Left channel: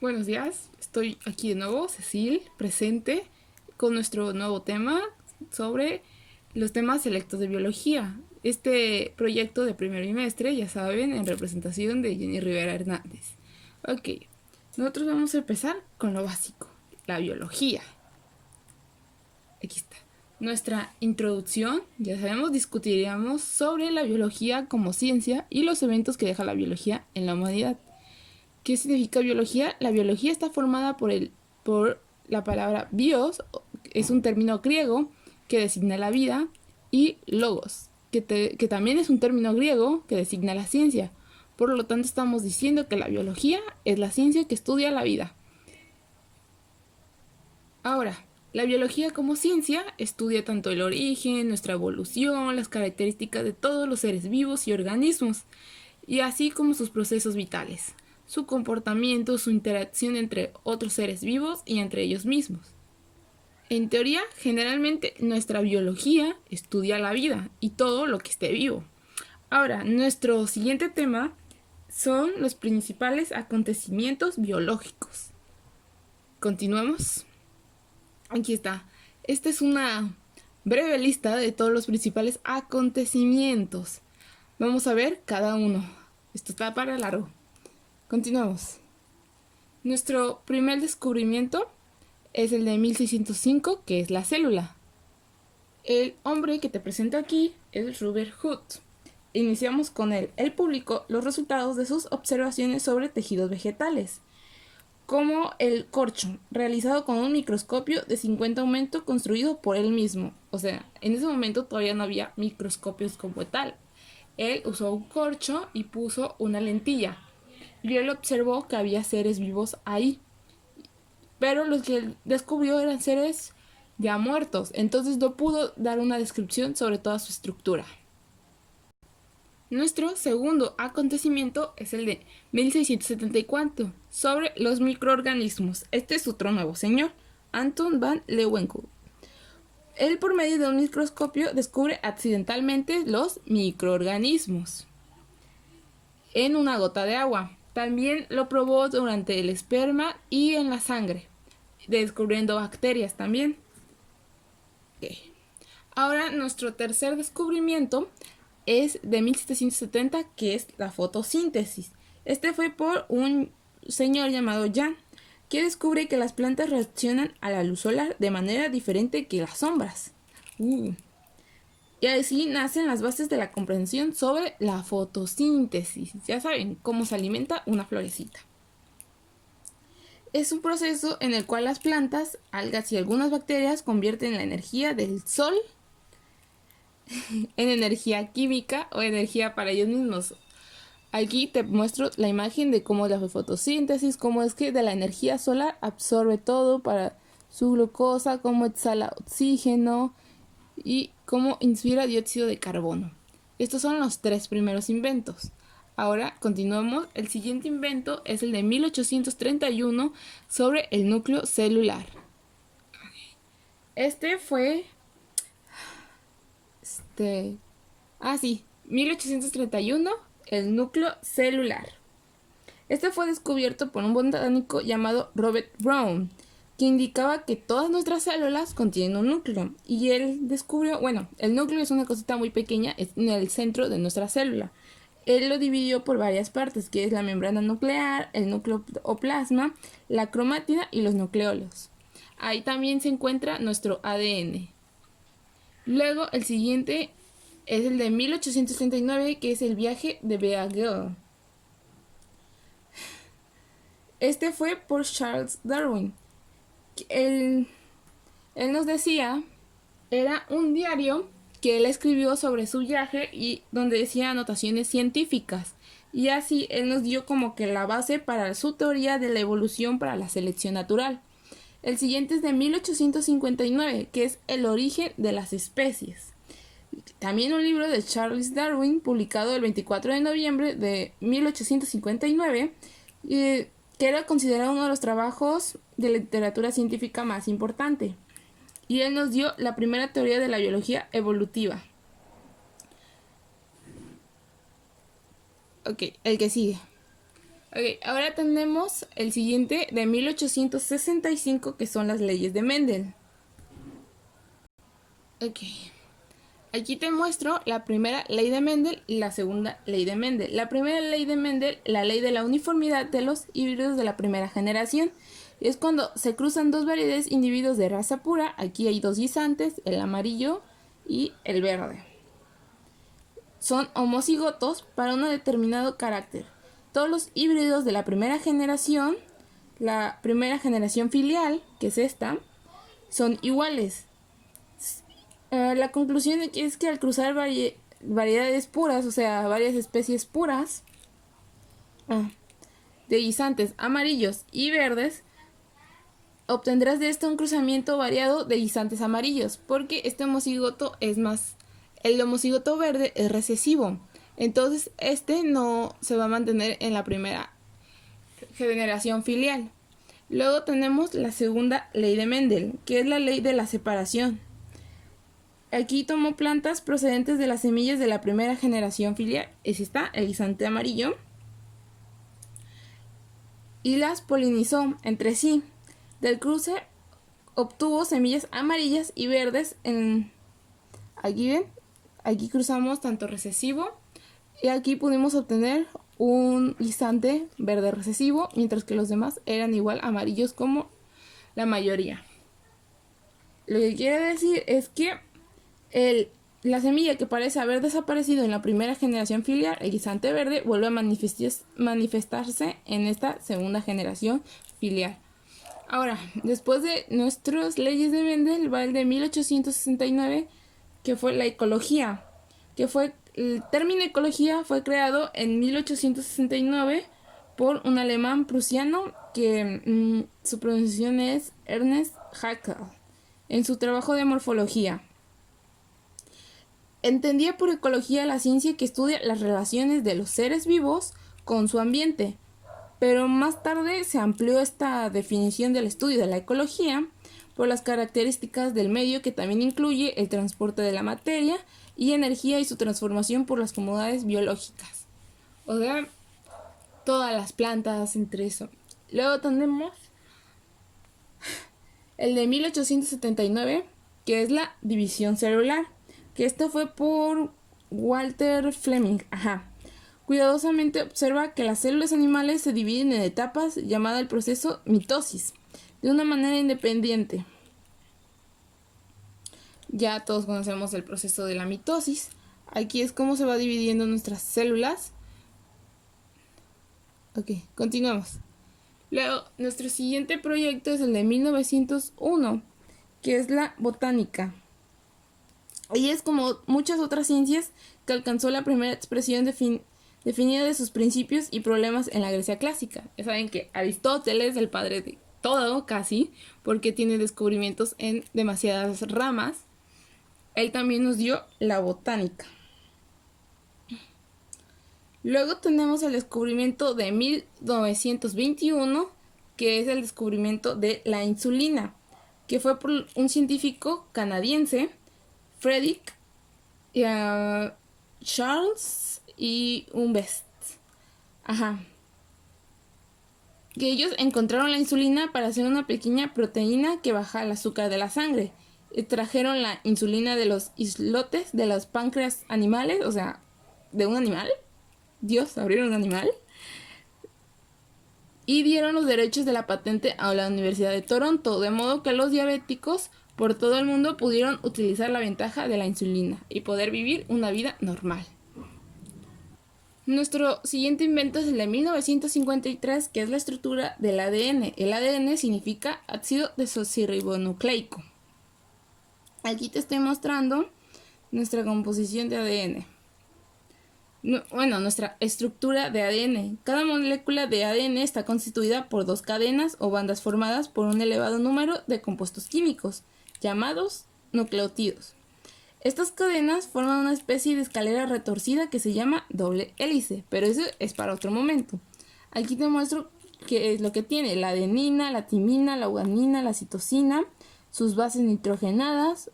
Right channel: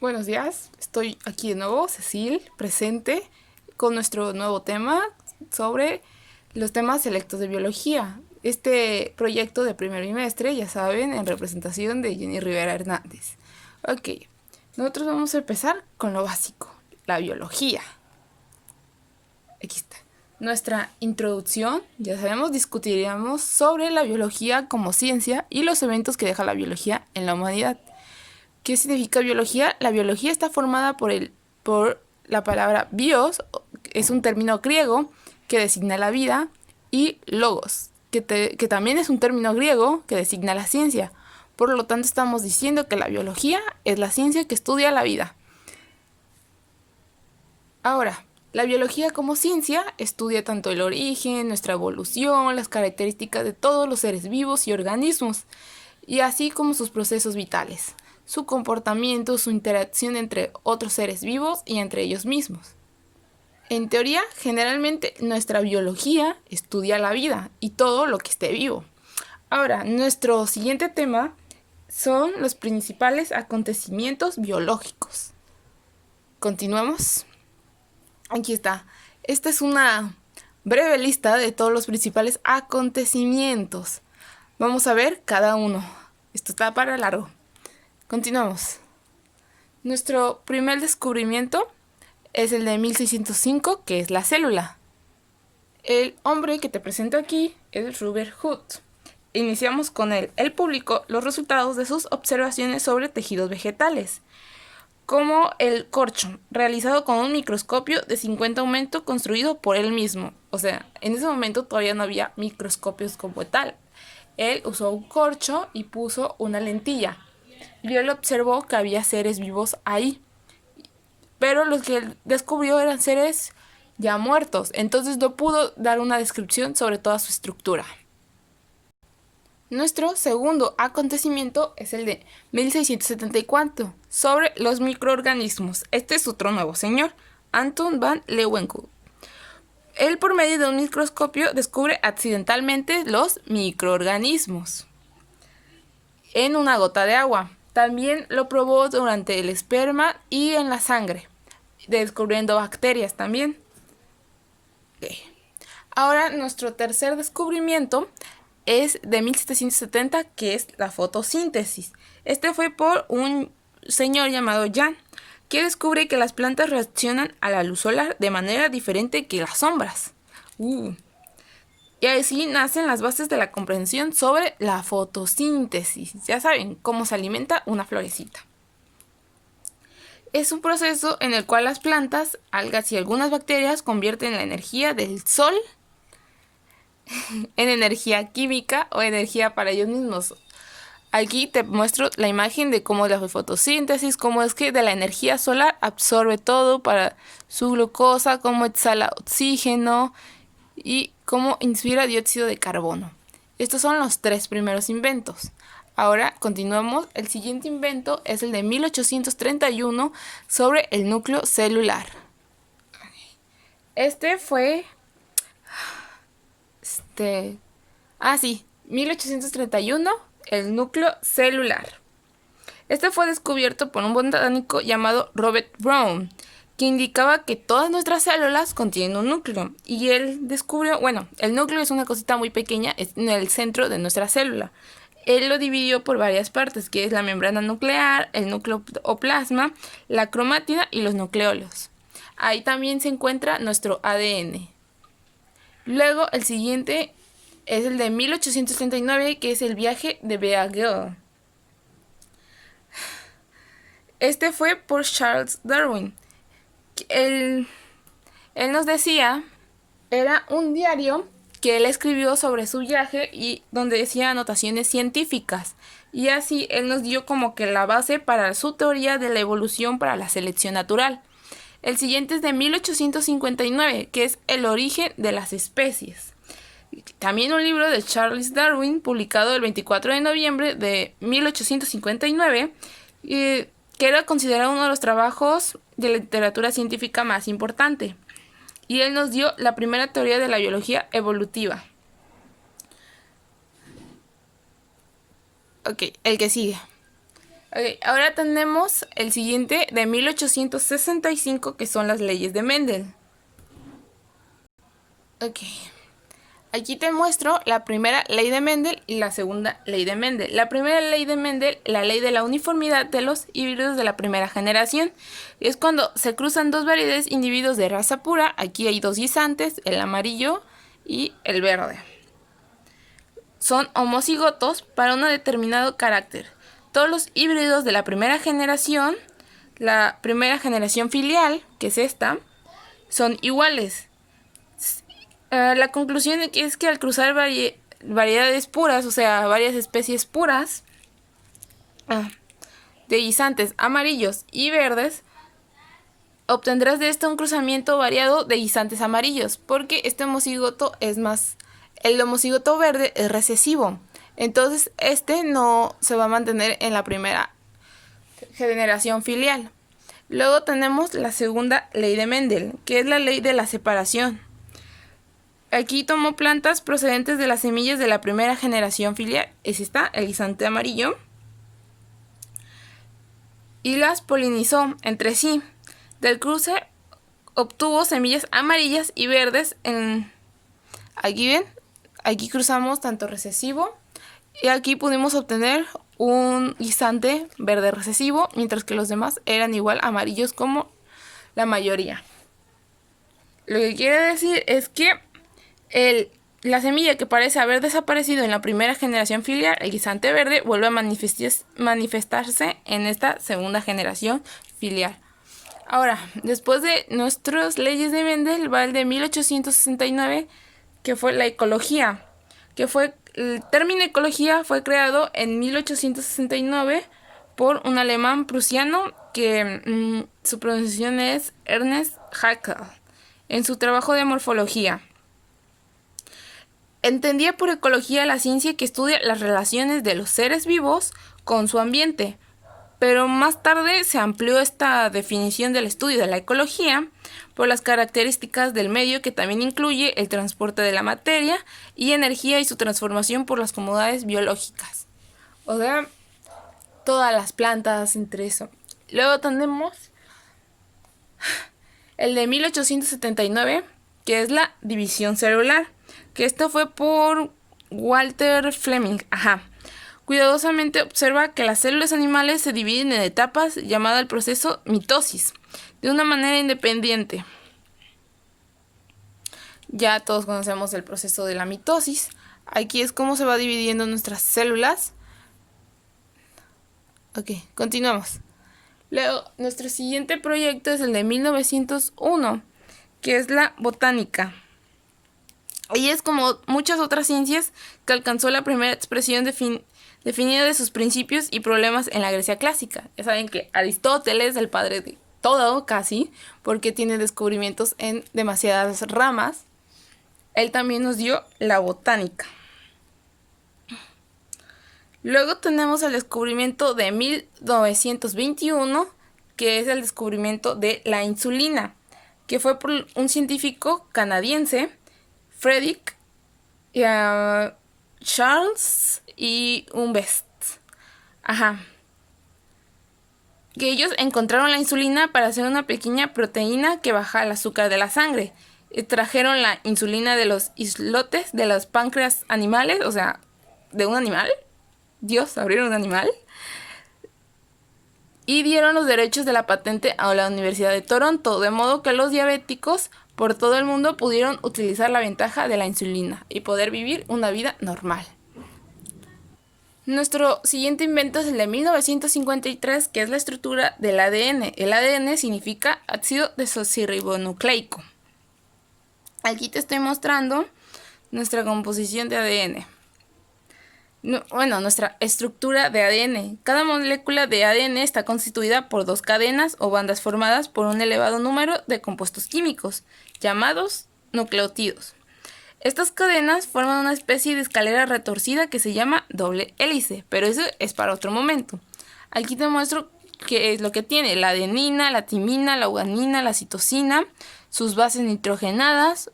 Buenos días, estoy aquí de nuevo, Cecil, presente con nuestro nuevo tema sobre los temas selectos de biología. Este proyecto de primer bimestre, ya saben, en representación de Jenny Rivera Hernández. Ok, nosotros vamos a empezar con lo básico, la biología. Aquí está. Nuestra introducción, ya sabemos, discutiríamos sobre la biología como ciencia y los eventos que deja la biología en la humanidad. ¿Qué significa biología? La biología está formada por la palabra bios, es un término griego que designa la vida, y logos, que también es un término griego que designa la ciencia. Por lo tanto, estamos diciendo que la biología es la ciencia que estudia la vida. Ahora, la biología como ciencia estudia tanto el origen, nuestra evolución, las características de todos los seres vivos y organismos, y así como sus procesos vitales, su comportamiento, su interacción entre otros seres vivos y entre ellos mismos. En teoría, generalmente nuestra biología estudia la vida y todo lo que esté vivo. Ahora, nuestro siguiente tema son los principales acontecimientos biológicos. Continuamos. Aquí está. Esta es una breve lista de todos los principales acontecimientos. Vamos a ver cada uno. Esto está para largo. Continuamos. Nuestro primer descubrimiento es el de 1605, que es la célula. El hombre que te presento aquí es Robert Hooke. Iniciamos con él. Él publicó los resultados de sus observaciones sobre tejidos vegetales, como el corcho, realizado con un microscopio de 50 aumento construido por él mismo. O sea, en ese momento todavía no había microscopios como tal. Él usó un corcho y puso una lentilla. Y él observó que había seres vivos ahí. Pero los que él descubrió eran seres ya muertos. Entonces no pudo dar una descripción sobre toda su estructura. Nuestro segundo acontecimiento es el de 1674, sobre los microorganismos. Este es otro nuevo señor, Anton van Leeuwenhoek. Él, por medio de un microscopio, descubre accidentalmente los microorganismos en una gota de agua. También lo probó durante el esperma y en la sangre, descubriendo bacterias también. Ahora, nuestro tercer descubrimiento es de 1770, que es la fotosíntesis. Este fue por un señor llamado Jan, que descubre que las plantas reaccionan a la luz solar de manera diferente que las sombras. Y así nacen las bases de la comprensión sobre la fotosíntesis. Ya saben cómo se alimenta una florecita. Es un proceso en el cual las plantas, algas y algunas bacterias convierten la energía del sol en energía química o energía para ellos mismos. Aquí te muestro la imagen de cómo es la fotosíntesis, cómo es que de la energía solar absorbe todo para su glucosa, cómo exhala oxígeno y cómo inspira dióxido de carbono. Estos son los tres primeros inventos. Ahora continuamos. El siguiente invento es el de 1831 sobre el núcleo celular. Este fue 1831, el núcleo celular. Este fue descubierto por un botánico llamado Robert Brown, que indicaba que todas nuestras células contienen un núcleo. Y él descubrió, el núcleo es una cosita muy pequeña, es en el centro de nuestra célula. Él lo dividió por varias partes, que es la membrana nuclear, el núcleo o plasma, la cromátida y los nucleolos. Ahí también se encuentra nuestro ADN. Luego, el siguiente es el de 1839, que es el viaje de Beagle. Este fue por Charles Darwin. Él nos decía, era un diario que él escribió sobre su viaje y donde decía anotaciones científicas. Y así él nos dio como que la base para su teoría de la evolución para la selección natural. El siguiente es de 1859, que es el origen de las especies. También un libro de Charles Darwin, publicado el 24 de noviembre de 1859, que era considerado uno de los trabajos de literatura científica más importante. Y él nos dio la primera teoría de la biología evolutiva. Ok, el que sigue. Ok, ahora tenemos el siguiente de 1865, que son las leyes de Mendel. Ok. Aquí te muestro la primera ley de Mendel y la segunda ley de Mendel. La primera ley de Mendel, la ley de la uniformidad de los híbridos de la primera generación. Es cuando se cruzan dos variedades individuos de raza pura. Aquí hay dos guisantes, el amarillo y el verde. Son homocigotos para un determinado carácter. Todos los híbridos de la primera generación filial, que es esta, son iguales. La conclusión es que al cruzar variedades puras, o sea, varias especies puras de guisantes amarillos y verdes, obtendrás de esto un cruzamiento variado de guisantes amarillos, porque este homocigoto el homocigoto verde es recesivo, entonces este no se va a mantener en la primera generación filial. Luego tenemos la segunda ley de Mendel, que es la ley de la separación. Aquí tomó plantas procedentes de las semillas de la primera generación filial, ese está, el guisante amarillo, y las polinizó entre sí. Del cruce obtuvo semillas amarillas y verdes. Aquí ven, aquí cruzamos tanto recesivo y aquí pudimos obtener un guisante verde recesivo, mientras que los demás eran igual amarillos como la mayoría. Lo que quiere decir es que la semilla que parece haber desaparecido en la primera generación filial, el guisante verde, vuelve a manifestarse en esta segunda generación filial. Ahora, después de nuestras leyes de Mendel, va el de 1869, que fue la ecología. El término ecología fue creado en 1869 por un alemán prusiano que su pronunciación es Ernst Haeckel, en su trabajo de morfología. Entendía por ecología la ciencia que estudia las relaciones de los seres vivos con su ambiente, pero más tarde se amplió esta definición del estudio de la ecología por las características del medio, que también incluye el transporte de la materia y energía y su transformación por las comodidades biológicas. O sea, todas las plantas entre eso. Luego tenemos el de 1879, que es la división celular, que esto fue por Walter Fleming. Cuidadosamente observa que las células animales se dividen en etapas llamada el proceso mitosis, de una manera independiente. Ya todos conocemos el proceso de la mitosis. Aquí es cómo se va dividiendo nuestras células. Ok, continuamos. Luego, nuestro siguiente proyecto es el de 1901, que es la botánica. Y es como muchas otras ciencias que alcanzó la primera expresión definida de sus principios y problemas en la Grecia clásica. Ya saben que Aristóteles es el padre de todo, casi, porque tiene descubrimientos en demasiadas ramas. Él también nos dio la botánica. Luego tenemos el descubrimiento de 1921, que es el descubrimiento de la insulina, que fue por un científico canadiense, Frederick Charles y Humbest. Que ellos encontraron la insulina para hacer una pequeña proteína que baja el azúcar de la sangre. Extrajeron la insulina de los islotes de los páncreas animales, o sea, de un animal. Dios, abrieron un animal. Y dieron los derechos de la patente a la Universidad de Toronto, de modo que los diabéticos por todo el mundo pudieron utilizar la ventaja de la insulina y poder vivir una vida normal. Nuestro siguiente invento es el de 1953, que es la estructura del ADN. El ADN significa ácido desoxirribonucleico. Aquí te estoy mostrando nuestra composición de ADN. Nuestra estructura de ADN. Cada molécula de ADN está constituida por dos cadenas o bandas formadas por un elevado número de compuestos químicos, llamados nucleótidos. Estas cadenas forman una especie de escalera retorcida que se llama doble hélice, pero eso es para otro momento. Aquí te muestro qué es lo que tiene: la adenina, la timina, la guanina, la citosina, sus bases nitrogenadas,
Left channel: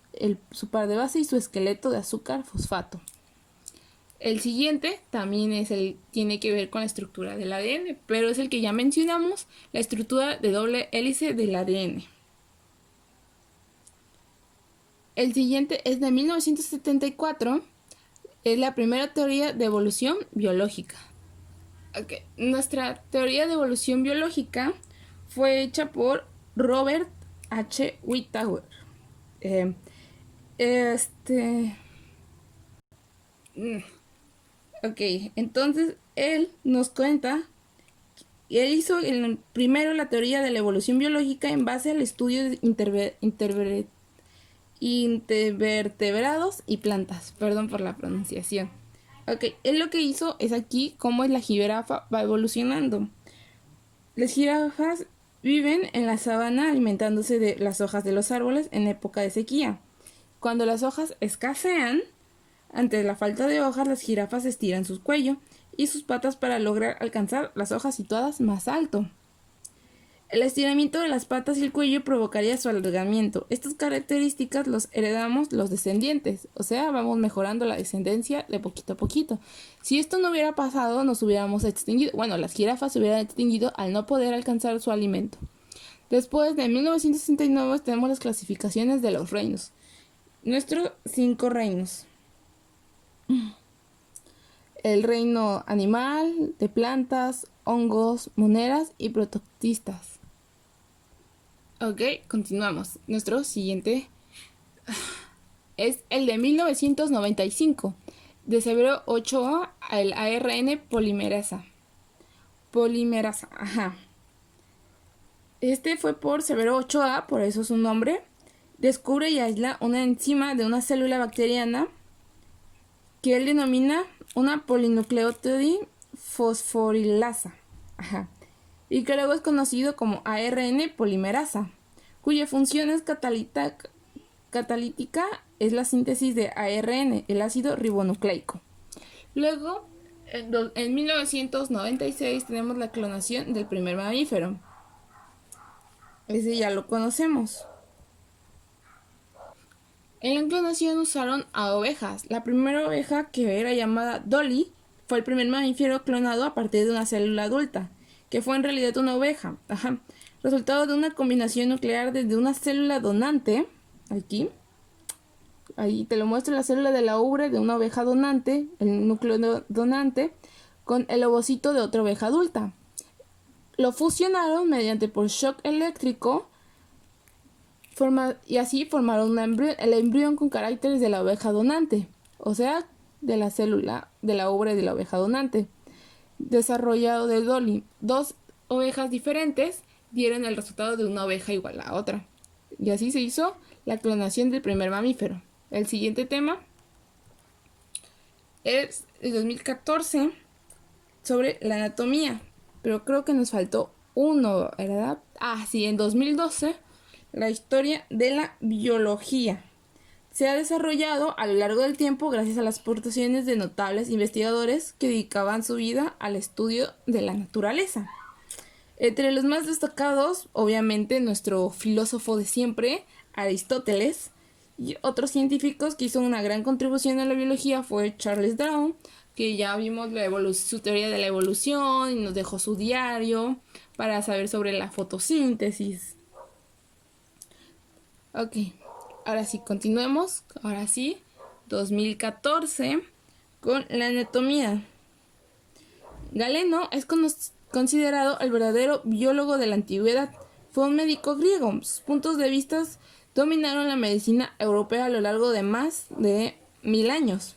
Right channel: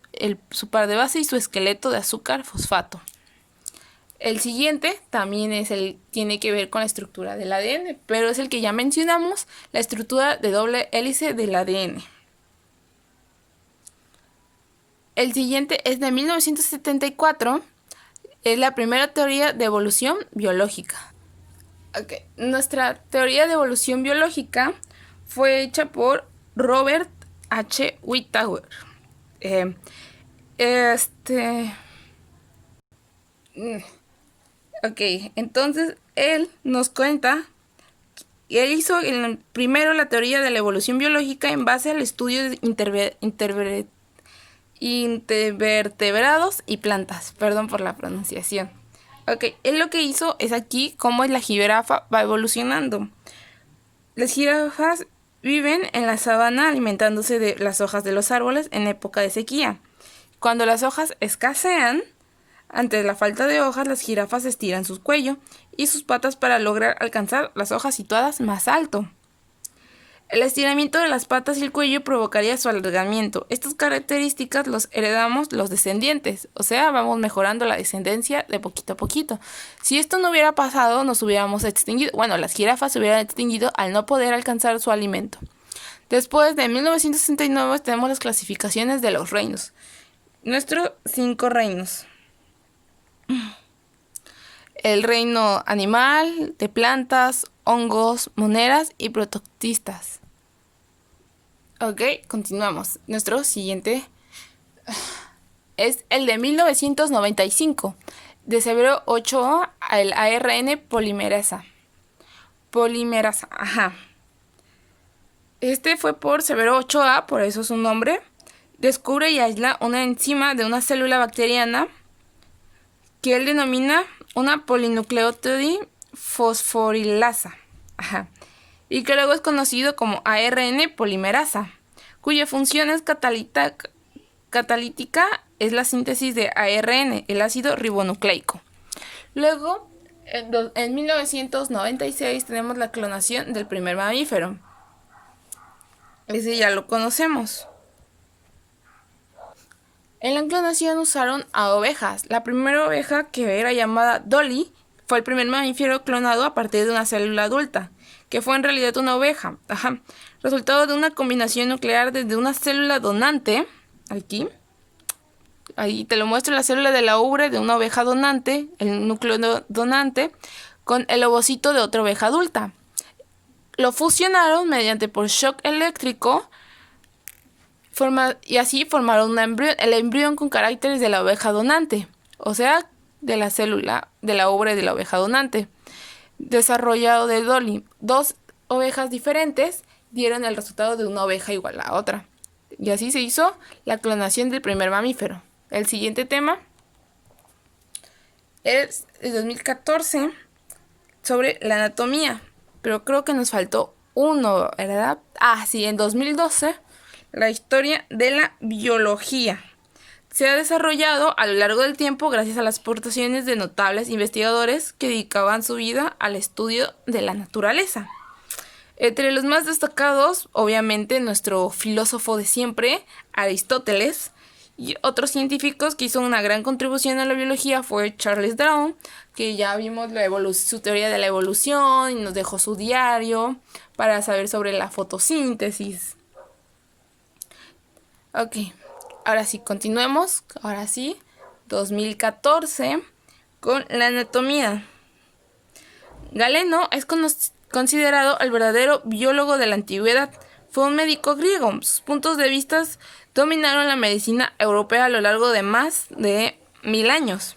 su par de base y su esqueleto de azúcar fosfato. El siguiente también tiene que ver con la estructura del ADN, pero es el que ya mencionamos, la estructura de doble hélice del ADN. El siguiente es de 1974, es la primera teoría de evolución biológica. Nuestra teoría de evolución biológica fue hecha por Robert H. Whittaker. Entonces él nos cuenta, él hizo primero la teoría de la evolución biológica en base al estudio de invertebrados y plantas. Perdón por la pronunciación. Él lo que hizo es aquí cómo la jirafa va evolucionando. Las jirafas viven en la sabana alimentándose de las hojas de los árboles en época de sequía. Cuando las hojas escasean, ante la falta de hojas, las jirafas estiran su cuello y sus patas para lograr alcanzar las hojas situadas más alto. El estiramiento de las patas y el cuello provocaría su alargamiento. Estas características los heredamos los descendientes, o sea, vamos mejorando la descendencia de poquito a poquito. Si esto no hubiera pasado, nos hubiéramos extinguido. Bueno, las jirafas se hubieran extinguido al no poder alcanzar su alimento. Después de 1969 tenemos las clasificaciones de los reinos. Nuestros 5 reinos. El reino animal, de plantas, hongos, monedas y prototistas. Continuamos. Nuestro siguiente es el de 1995, de Severo Ochoa, el ARN polimerasa. Este fue por Severo Ochoa, por eso su nombre. Descubre y aísla una enzima de una célula bacteriana que él denomina una polinucleótido fosforilasa, y que luego es conocido como ARN polimerasa, cuya función es catalítica, es la síntesis de ARN, el ácido ribonucleico. Luego, en 1996 tenemos la clonación del primer mamífero. Ese ya lo conocemos. En la clonación usaron a ovejas. La primera oveja, que era llamada Dolly, fue el primer mamífero clonado a partir de una célula adulta, que fue en realidad una oveja. Resultado de una combinación nuclear desde una célula donante, ahí te lo muestro, la célula de la ubre de una oveja donante, el núcleo donante, con el ovocito de otra oveja adulta. Lo fusionaron mediante por shock eléctrico, y así formaron el embrión con caracteres de la oveja donante, o sea, de la célula de la ubre de la oveja donante, desarrollado de Dolly. 2 ovejas diferentes dieron el resultado de una oveja igual a otra, y así se hizo la clonación del primer mamífero. El siguiente tema es el 2014 sobre la anatomía, pero creo que nos faltó uno, ¿verdad? Sí, en 2012 la historia de la biología. Se ha desarrollado a lo largo del tiempo gracias a las aportaciones de notables investigadores que dedicaban su vida al estudio de la naturaleza. Entre los más destacados, obviamente, nuestro filósofo de siempre, Aristóteles, y otros científicos que hizo una gran contribución a la biología fue Charles Darwin, que ya vimos su teoría de la evolución y nos dejó su diario para saber sobre la fotosíntesis. Ahora sí, continuemos. 2014 con la anatomía. Galeno es considerado el verdadero biólogo de la antigüedad. Fue un médico griego. Sus puntos de vista dominaron la medicina europea a lo largo de más de 1000 años.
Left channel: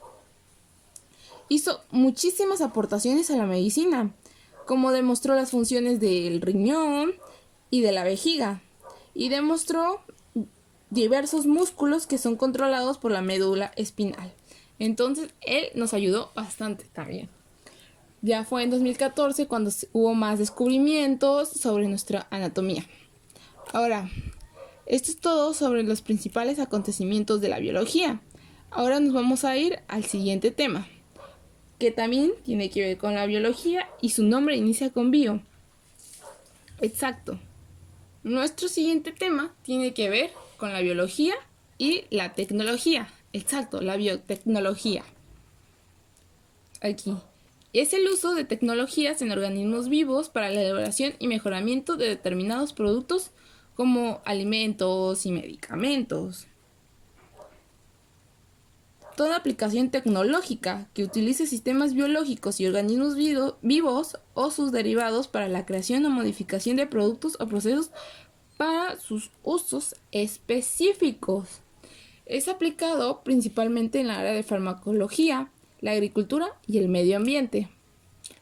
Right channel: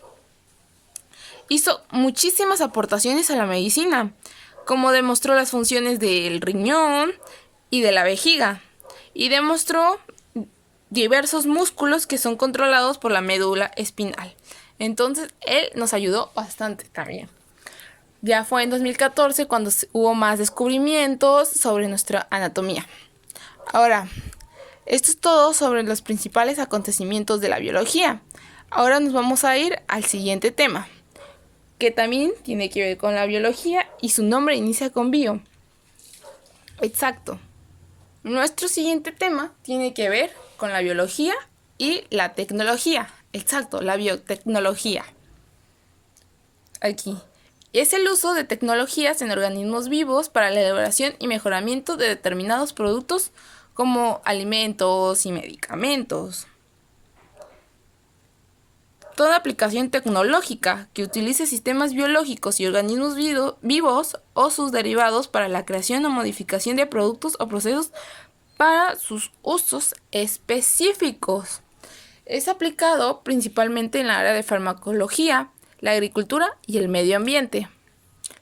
Hizo muchísimas aportaciones a la medicina, como demostró las funciones del riñón y de la vejiga, y demostró diversos músculos que son controlados por la médula espinal. Entonces, él nos ayudó bastante también. Ya fue en 2014 cuando hubo más descubrimientos sobre nuestra anatomía. Ahora, esto es todo sobre los principales acontecimientos de la biología. Ahora nos vamos a ir al siguiente tema, que también tiene que ver con la biología y su nombre inicia con bio. Exacto. Nuestro siguiente tema tiene que ver con la biología y la tecnología. Exacto, la biotecnología. Aquí. Es el uso de tecnologías en organismos vivos para la elaboración y mejoramiento de determinados productos como alimentos y medicamentos. Toda aplicación tecnológica que utilice sistemas biológicos y organismos vivos o sus derivados para la creación o modificación de productos o procesos para sus usos específicos. Es aplicado principalmente en la área de farmacología, la agricultura y el medio ambiente.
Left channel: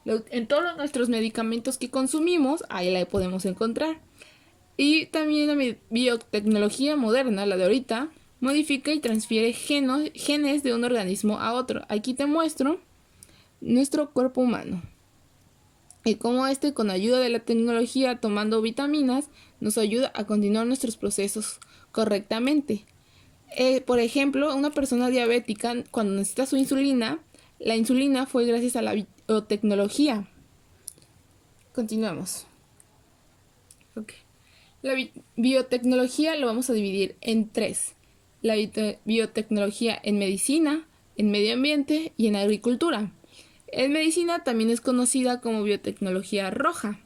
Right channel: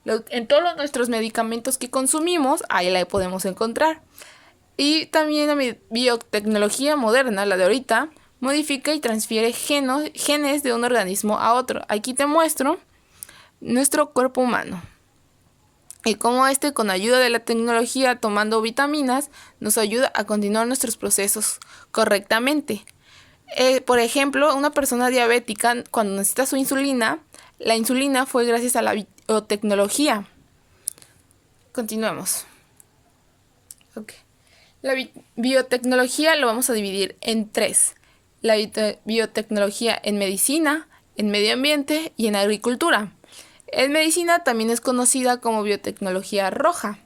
En todos nuestros medicamentos que consumimos, ahí la podemos encontrar. Y también la biotecnología moderna, la de ahorita, modifica y transfiere genes de un organismo a otro. Aquí te muestro nuestro cuerpo humano. Y cómo con ayuda de la tecnología, tomando vitaminas, nos ayuda a continuar nuestros procesos correctamente. Por ejemplo, una persona diabética, cuando necesita su insulina, la insulina fue gracias a la biotecnología. Continuemos. Okay. La biotecnología lo vamos a dividir en 3. La biotecnología en medicina, en medio ambiente y en agricultura. En medicina también es conocida como biotecnología roja.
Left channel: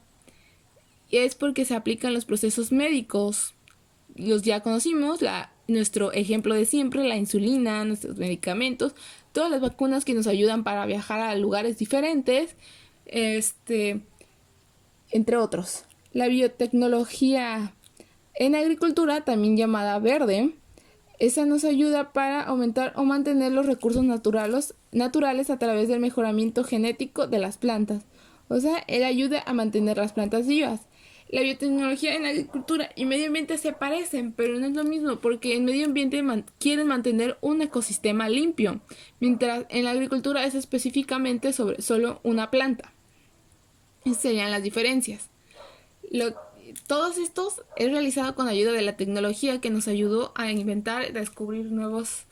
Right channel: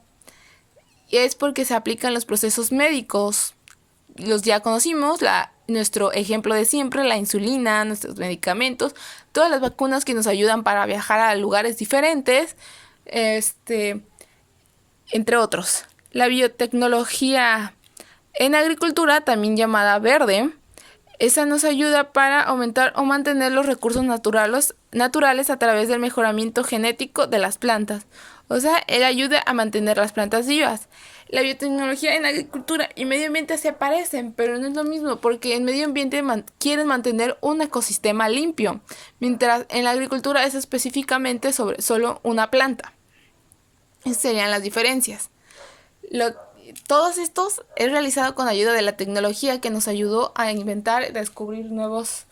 Y es porque se aplican los procesos médicos. Los ya conocimos, nuestro ejemplo de siempre, la insulina, nuestros medicamentos, todas las vacunas que nos ayudan para viajar a lugares diferentes, entre otros. La biotecnología en agricultura, también llamada verde, esa nos ayuda para aumentar o mantener los recursos naturales a través del mejoramiento genético de las plantas. O sea, él ayuda a mantener las plantas vivas. La biotecnología en agricultura y medio ambiente se parecen, pero no es lo mismo, porque en medio ambiente quieren mantener un ecosistema limpio, mientras en la agricultura es específicamente sobre solo una planta. Esas serían las diferencias. Todos estos es realizado con ayuda de la tecnología que nos ayudó a inventar y descubrir nuevos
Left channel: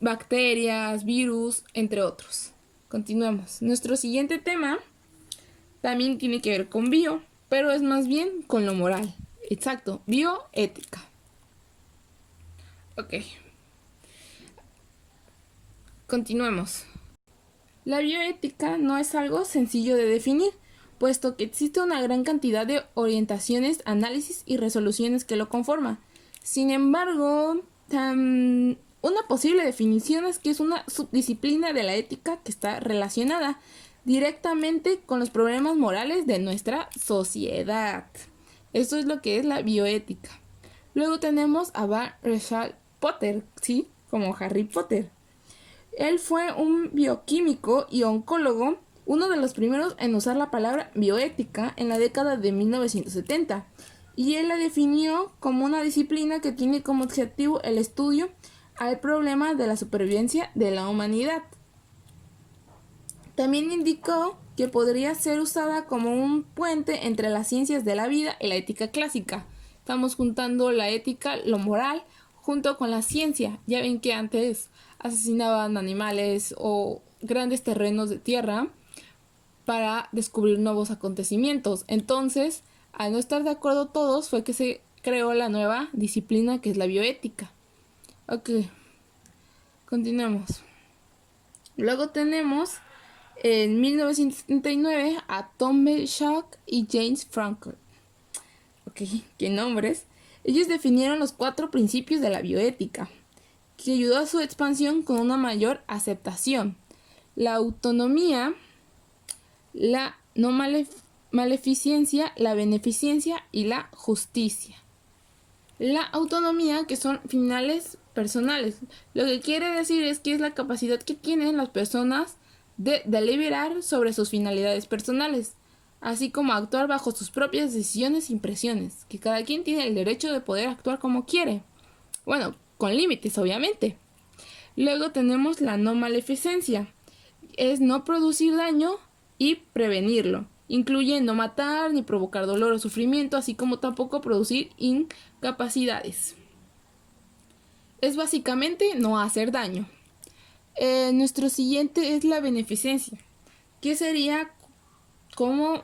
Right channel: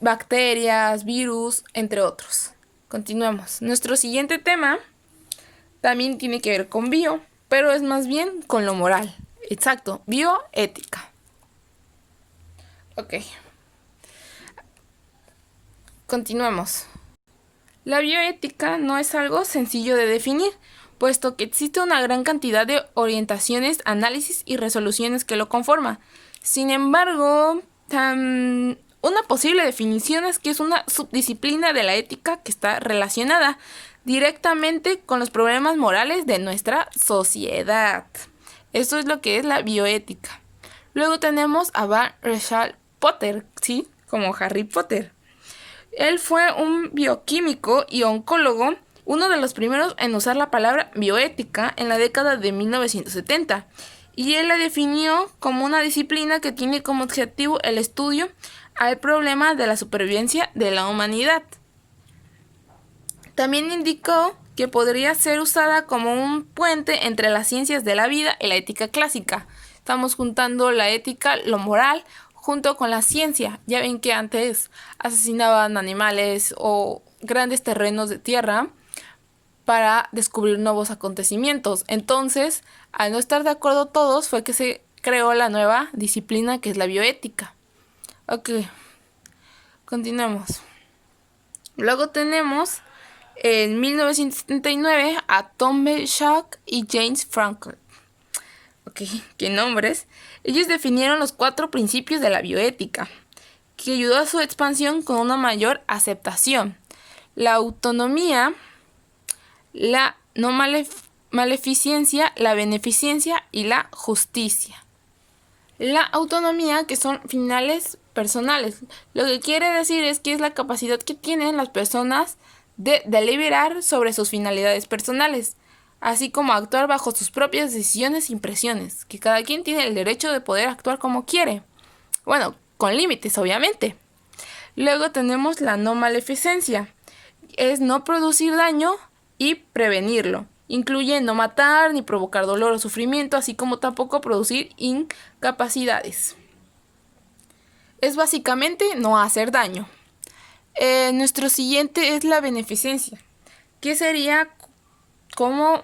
bacterias, virus, entre otros. Continuemos. Nuestro siguiente tema también tiene que ver con bio, pero es más bien con lo moral. Exacto, bioética. Ok. Continuemos. La bioética no es algo sencillo de definir, puesto que existe una gran cantidad de orientaciones, análisis y resoluciones que lo conforman. Sin embargo, una posible definición es que es una subdisciplina de la ética que está relacionada directamente con los problemas morales de nuestra sociedad. Esto es lo que es la bioética. Luego tenemos a Van Rechal Potter, ¿sí? Como Harry Potter. Él fue un bioquímico y oncólogo, uno de los primeros en usar la palabra bioética en la década de 1970. Y él la definió como una disciplina que tiene como objetivo el estudio al problema de la supervivencia de la humanidad. También indicó que podría ser usada como un puente entre las ciencias de la vida y la ética clásica. Estamos juntando la ética, lo moral, junto con la ciencia. Ya ven que antes asesinaban animales o grandes terrenos de tierra para descubrir nuevos acontecimientos. Entonces, al no estar de acuerdo todos, fue que se creó la nueva disciplina que es la bioética. Ok, continuamos. Luego tenemos en 1979 a Thomas Schack y James Frankel. Ok, qué nombres. Ellos definieron los 4 principios de la bioética, que ayudó a su expansión con una mayor aceptación. La autonomía, la no maleficencia, la beneficencia y la justicia. La autonomía, que son finales personales. Lo que quiere decir es que es la capacidad que tienen las personas de deliberar sobre sus finalidades personales, así como actuar bajo sus propias decisiones e impresiones, que cada quien tiene el derecho de poder actuar como quiere. Bueno, con límites, obviamente. Luego tenemos la no maleficencia. Es no producir daño y prevenirlo. Incluye no matar ni provocar dolor o sufrimiento, así como tampoco producir incapacidades. Es básicamente no hacer daño. Nuestro siguiente es la beneficencia, que sería como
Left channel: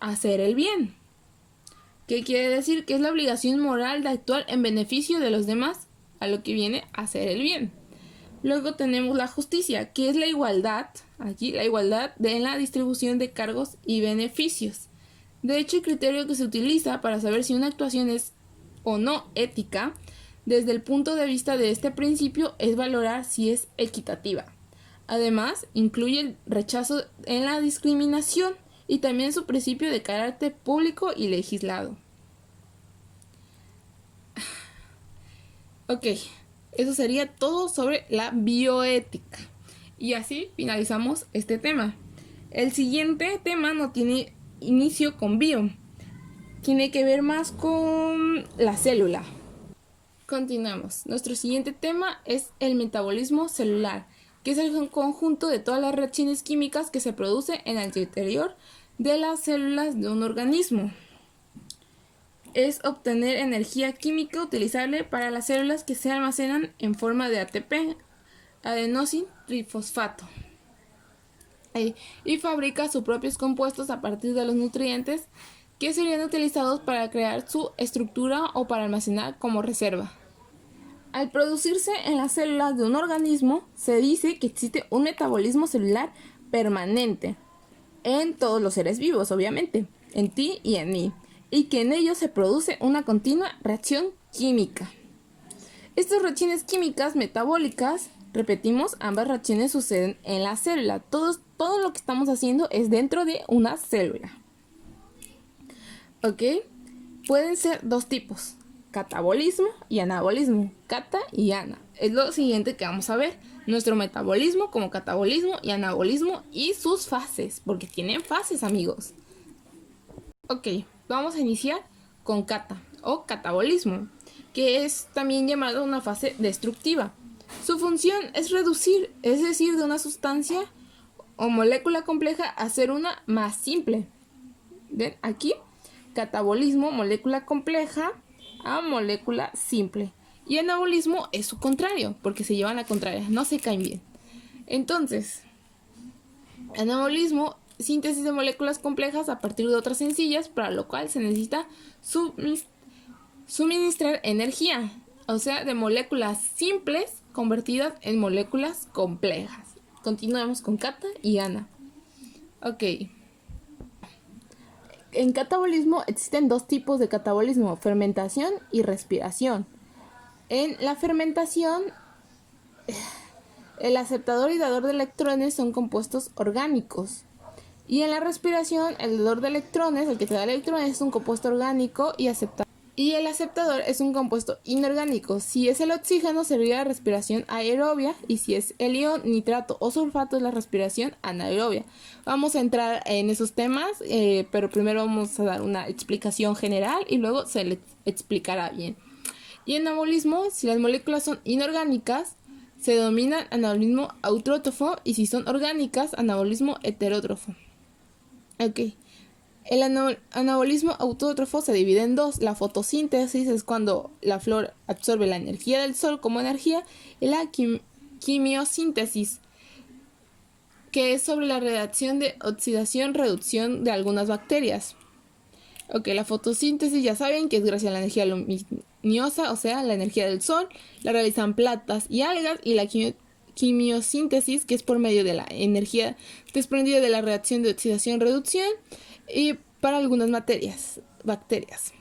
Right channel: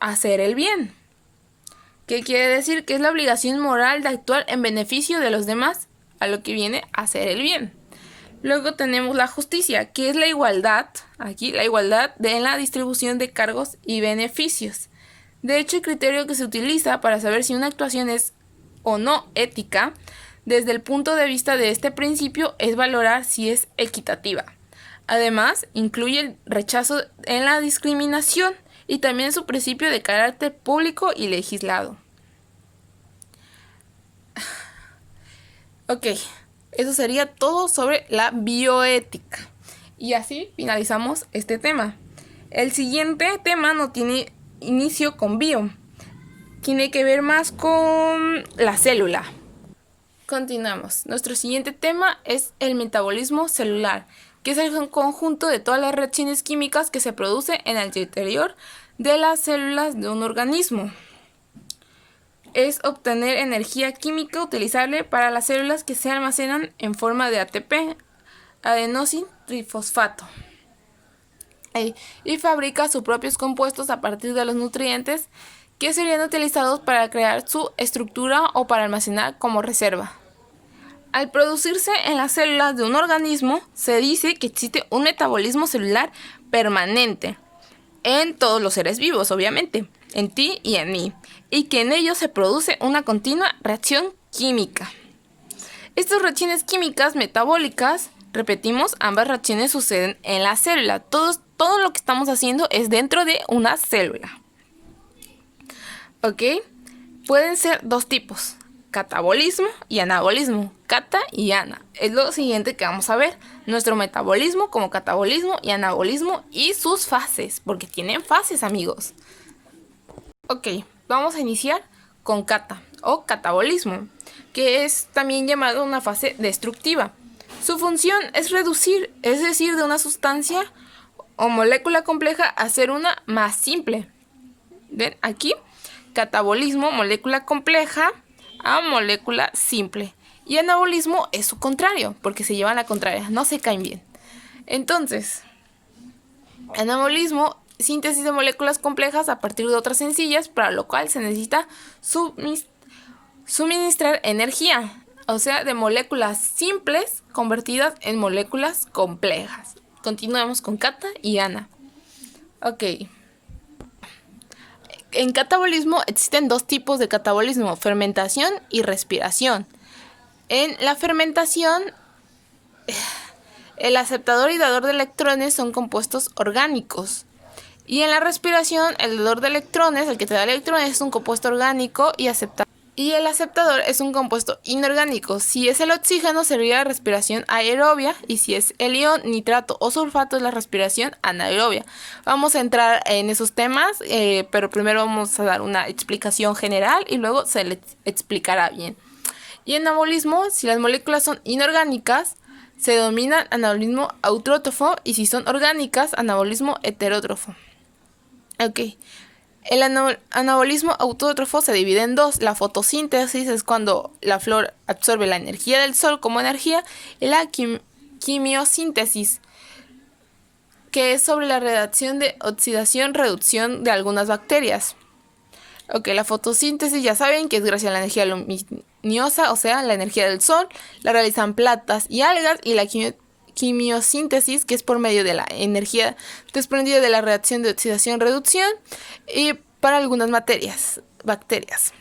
hacer el bien. ¿Qué quiere decir? Que es la obligación moral de actuar en beneficio de los demás, a lo que viene a hacer el bien. Luego tenemos la justicia, que es la igualdad, aquí la igualdad en la distribución de cargos y beneficios. De hecho, el criterio que se utiliza para saber si una actuación es o no ética, desde el punto de vista de este principio, es valorar si es equitativa. Además, incluye el rechazo en la discriminación y también su principio de carácter público y legislado. Ok, eso sería todo sobre la bioética. Y así finalizamos este tema. El siguiente tema no tiene inicio con bio. Tiene que ver más con la célula. Continuamos. Nuestro siguiente tema es el metabolismo celular, que es el conjunto de todas las reacciones químicas que se producen en el interior de las células de un organismo. Es obtener energía química utilizable para las células que se almacenan en forma de ATP, adenosín trifosfato, y fabrica sus propios compuestos a partir de los nutrientes que serían utilizados para crear su estructura o para almacenar como reserva. Al producirse en las células de un organismo, se dice que existe un metabolismo celular permanente en todos los seres vivos, obviamente, en ti y en mí, y que en ellos se produce una continua reacción química. Estas reacciones químicas metabólicas, repetimos, ambas reacciones suceden en la célula. Todo lo que estamos haciendo es dentro de una célula. ¿Ok? Pueden ser dos tipos: catabolismo y anabolismo. Cata y ana. Es lo siguiente que vamos a ver. Nuestro metabolismo como catabolismo y anabolismo y sus fases, porque tienen fases, amigos. Ok, vamos a iniciar con cata o catabolismo, que es también llamado una fase destructiva. Su función es reducir, es decir, de una sustancia o molécula compleja a hacer una más simple. ¿Ven? Aquí, catabolismo, molécula compleja a molécula simple. Y anabolismo es su contrario, porque se llevan a la contraria, no se caen bien. Entonces, anabolismo, síntesis de moléculas complejas a partir de otras sencillas, para lo cual se necesita suministrar energía, o sea, de moléculas simples convertidas en moléculas complejas. Continuamos con cata y ana. Ok. En catabolismo existen dos tipos de catabolismo: fermentación y respiración. En la fermentación, el aceptador y dador de electrones son compuestos orgánicos. Y en la respiración, el dador de electrones, el que te da electrones, es un compuesto orgánico y el aceptador es un compuesto inorgánico. Si es el oxígeno, sería la respiración aerobia, y si es el ion, nitrato o sulfato, es la respiración anaerobia. Vamos a entrar en esos temas, pero primero vamos a dar una explicación general y luego se les explicará bien. Y en anabolismo, si las moléculas son inorgánicas, se denomina anabolismo autótrofo, y si son orgánicas, anabolismo heterótrofo. Ok. El anabolismo autótrofo se divide en dos. La fotosíntesis es cuando la flor absorbe la energía del sol como energía, y la quimiosíntesis, que es sobre la reacción de oxidación-reducción de algunas bacterias. Ok, la fotosíntesis ya saben que es gracias a la energía luminosa, o sea, la energía del sol, la realizan plantas y algas, y la quimiosíntesis, que es por medio de la energía desprendida de la reacción de oxidación-reducción y para algunas bacterias.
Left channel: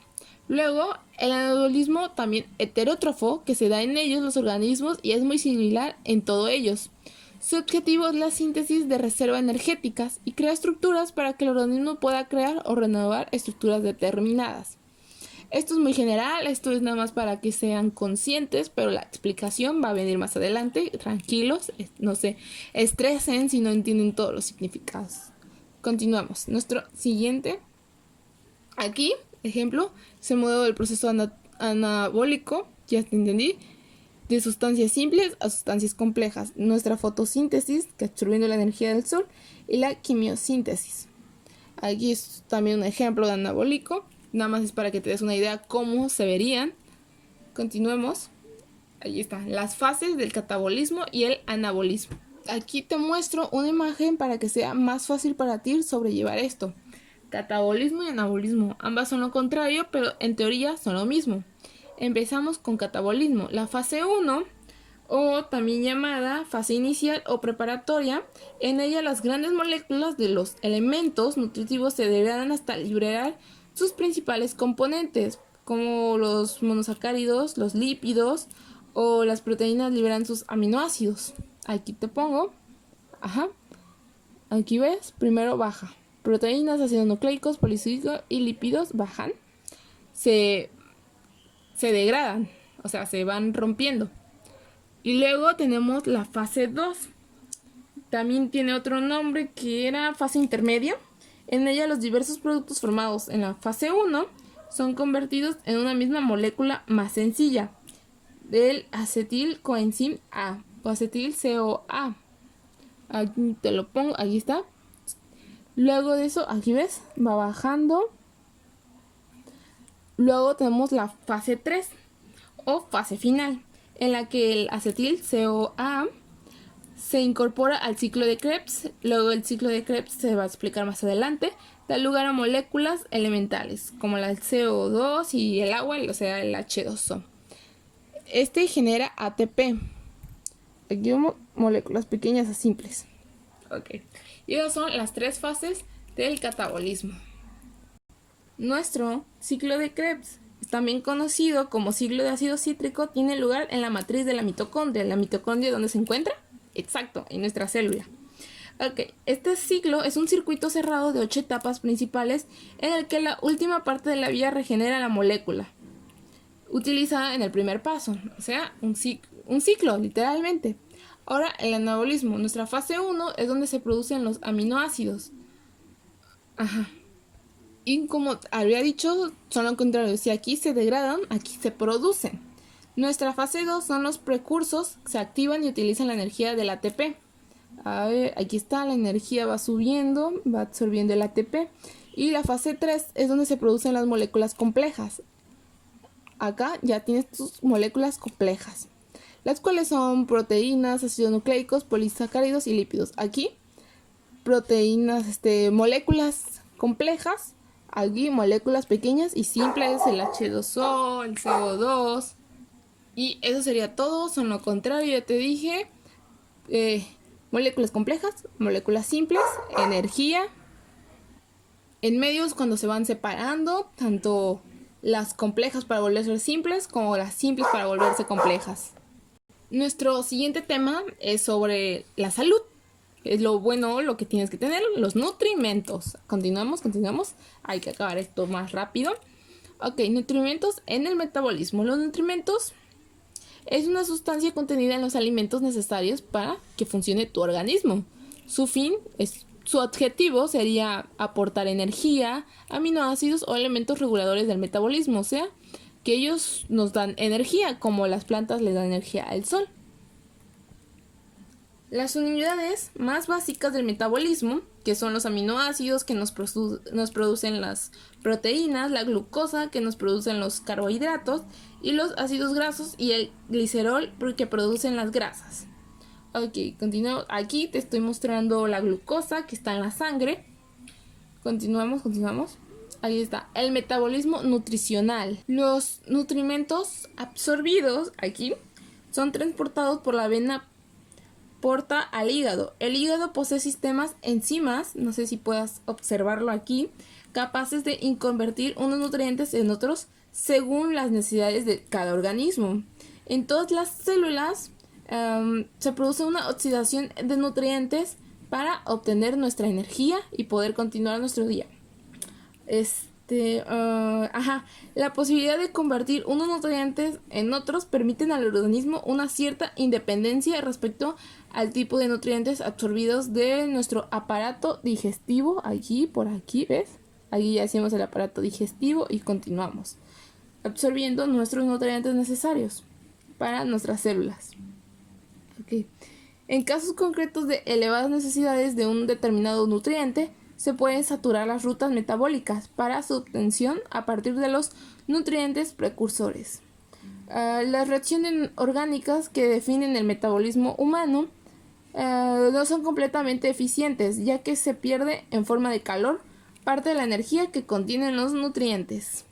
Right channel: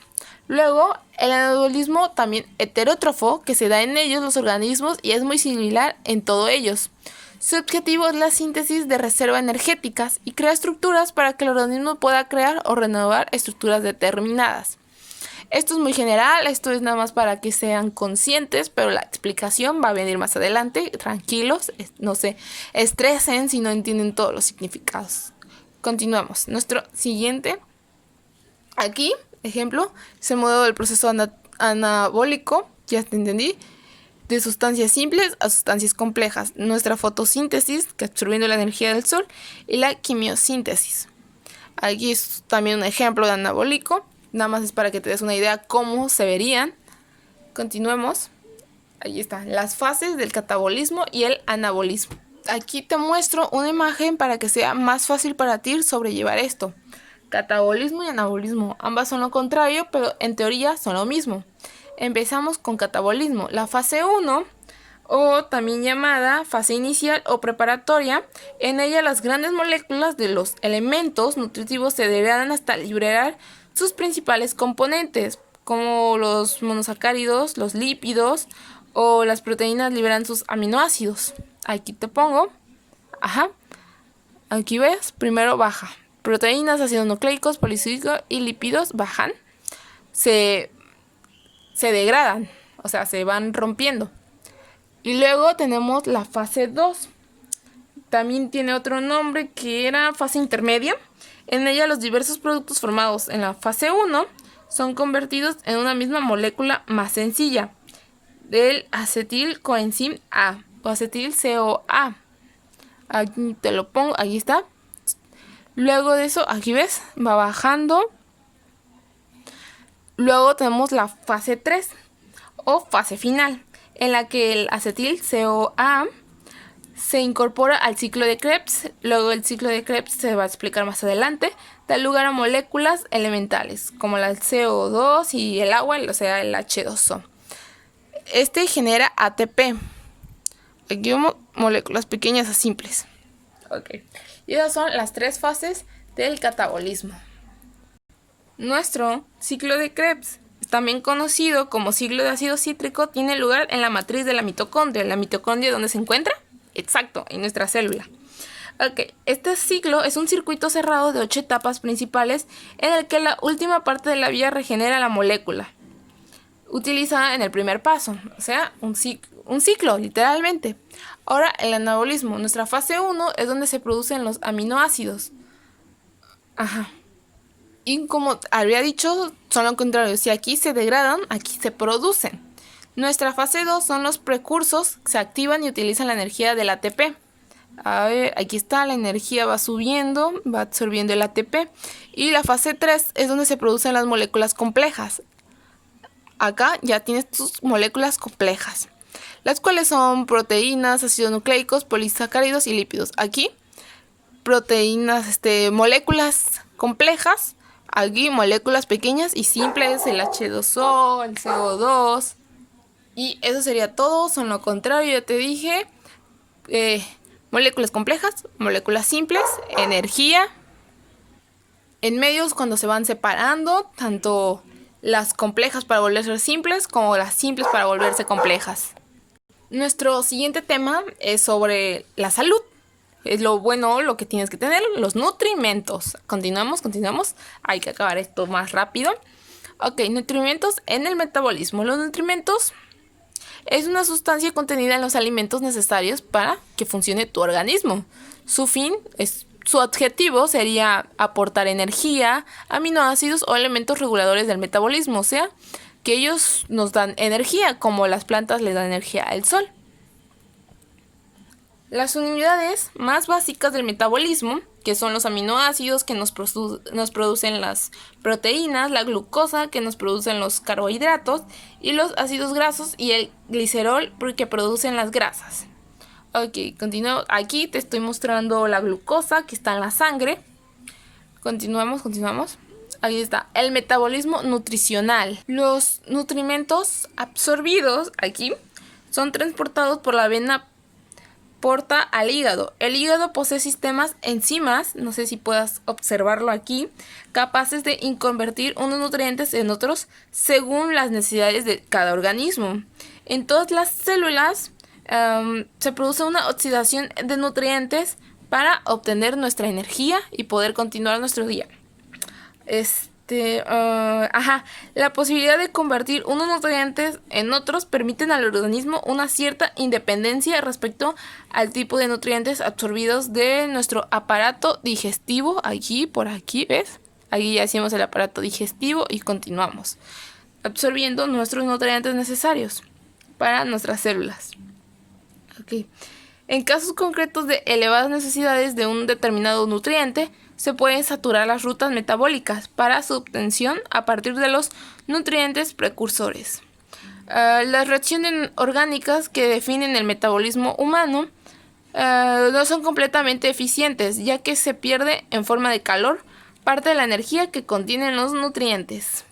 Luego, el anabolismo también heterótrofo, que se da en ellos los organismos y es muy similar en todos ellos. Su objetivo es la síntesis de reservas energéticas y crea estructuras para que el organismo pueda crear o renovar estructuras determinadas. Esto es muy general, esto es nada más para que sean conscientes, pero la explicación va a venir más adelante. Tranquilos, no se estresen si no entienden todos los significados. Continuamos. Nuestro siguiente, aquí, ejemplo, es el modelo del proceso anabólico, ya te entendí, de sustancias simples a sustancias complejas. Nuestra fotosíntesis, que absorbiendo la energía del sol, y la quimiosíntesis. Aquí es también un ejemplo de anabólico. Nada más es para que te des una idea cómo se verían. Continuemos. Ahí están las fases del catabolismo y el anabolismo. Aquí te muestro una imagen para que sea más fácil para ti sobrellevar esto. Catabolismo y anabolismo. Ambas son lo contrario, pero en teoría son lo mismo. Empezamos con catabolismo. La fase 1 o también llamada fase inicial o preparatoria. En ella las grandes moléculas de los elementos nutritivos se degradan hasta liberar sus principales componentes, como los monosacáridos, los lípidos o las proteínas liberan sus aminoácidos. Aquí te pongo. Ajá. Aquí ves, primero baja. Proteínas, ácidos nucleicos, polisacáridos y lípidos bajan. Se degradan, o sea, se van rompiendo. Y luego tenemos la fase 2. También tiene otro nombre que era fase intermedia. En ella los diversos productos formados en la fase 1 son convertidos en una misma molécula más sencilla, del acetil-coenzim A o acetil-CoA. Aquí te lo pongo, aquí está. Luego de eso, aquí ves, va bajando. Luego tenemos la fase 3 o fase final, en la que el acetil-CoA se incorpora al ciclo de Krebs. Luego el ciclo de Krebs se va a explicar más adelante. Da lugar a moléculas elementales, como el CO2 y el agua, o sea, el H2O. Este genera ATP. Aquí vemos moléculas pequeñas a simples. Ok. Y esas son las 3 fases del catabolismo. Nuestro ciclo de Krebs, también conocido como ciclo de ácido cítrico, tiene lugar en la matriz de la mitocondria. ¿La mitocondria dónde se encuentra? Exacto, en nuestra célula. Ok, este ciclo es un circuito cerrado de 8 etapas principales en el que la última parte de la vía regenera la molécula utilizada en el primer paso, o sea, un ciclo, literalmente. Ahora, el anabolismo. Nuestra fase 1 es donde se producen los aminoácidos. Ajá. Y como había dicho, son lo contrario. Si aquí se degradan, aquí se producen. Nuestra fase 2 son los precursores, se activan y utilizan la energía del ATP. A ver, aquí está, la energía va subiendo, va absorbiendo el ATP. Y la fase 3 es donde se producen las moléculas complejas. Acá ya tienes tus moléculas complejas, las cuales son proteínas, ácidos nucleicos, polisacáridos y lípidos. Aquí, proteínas, moléculas complejas. Aquí, moléculas pequeñas y simples, el H2O, el CO2. Y eso sería todo. Son lo contrario, ya te dije. Moléculas complejas, moléculas simples, energía. En medios, cuando se van separando, tanto las complejas para volverse simples como las simples para volverse complejas. Nuestro siguiente tema es sobre la salud. Es lo bueno, lo que tienes que tener, los nutrimentos. Continuamos. Hay que acabar esto más rápido. Ok, nutrimentos en el metabolismo. Los nutrimentos es una sustancia contenida en los alimentos necesarios para que funcione tu organismo. Su objetivo sería aportar energía, aminoácidos o elementos reguladores del metabolismo, o sea, que ellos nos dan energía, como las plantas le dan energía al sol. Las unidades más básicas del metabolismo, que son los aminoácidos que nos producen las proteínas, la glucosa que nos producen los carbohidratos y los ácidos grasos y el glicerol que producen las grasas. Ok, continúo. Aquí te estoy mostrando la glucosa que está en la sangre. Continuamos. Ahí está, el metabolismo nutricional. Los nutrimentos absorbidos aquí son transportados por la vena porta al hígado. El hígado posee sistemas enzimas, no sé si puedas observarlo aquí, capaces de convertir unos nutrientes en otros según las necesidades de cada organismo. En todas las células se produce una oxidación de nutrientes para obtener nuestra energía y poder continuar nuestro día. La posibilidad de convertir unos nutrientes en otros permiten al organismo una cierta independencia respecto al tipo de nutrientes absorbidos de nuestro aparato digestivo. Por aquí, ¿ves? Aquí ya hacemos el aparato digestivo y continuamos absorbiendo nuestros nutrientes necesarios para nuestras células. Okay. En casos concretos de elevadas necesidades de un determinado nutriente, se pueden saturar las rutas metabólicas para su obtención a partir de los nutrientes precursores. Las reacciones orgánicas que definen el metabolismo humano no son completamente eficientes, ya que se pierde en forma de calor parte de la energía que contienen los nutrientes.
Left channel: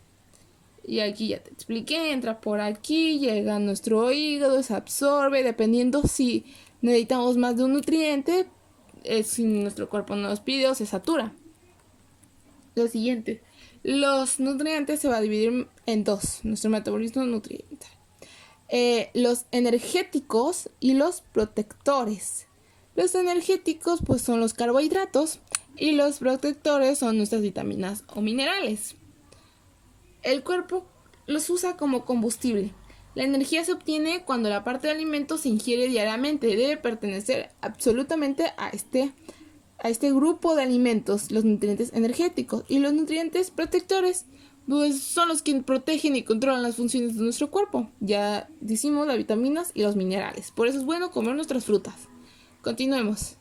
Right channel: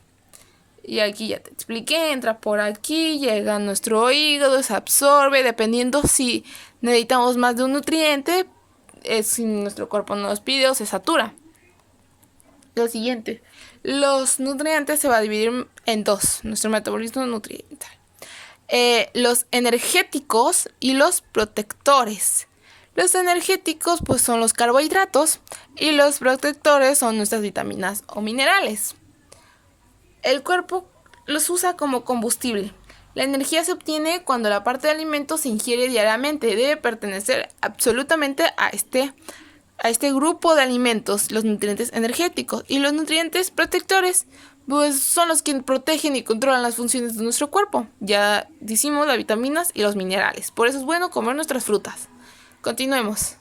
Y aquí ya te expliqué, entra por aquí, llega a nuestro hígado, se absorbe, dependiendo si necesitamos más de un nutriente, si nuestro cuerpo nos pide o se satura. Lo siguiente, los nutrientes se va a dividir en dos, nuestro metabolismo nutriental. Los energéticos y los protectores. Los energéticos pues son los carbohidratos y los protectores son nuestras vitaminas o minerales. El cuerpo los usa como combustible. La energía se obtiene cuando la parte de alimento se ingiere diariamente. Debe pertenecer absolutamente a este grupo de alimentos, los nutrientes energéticos. Y los nutrientes protectores pues son los que protegen y controlan las funciones de nuestro cuerpo. Ya decimos las vitaminas y los minerales. Por eso es bueno comer nuestras frutas. Continuemos.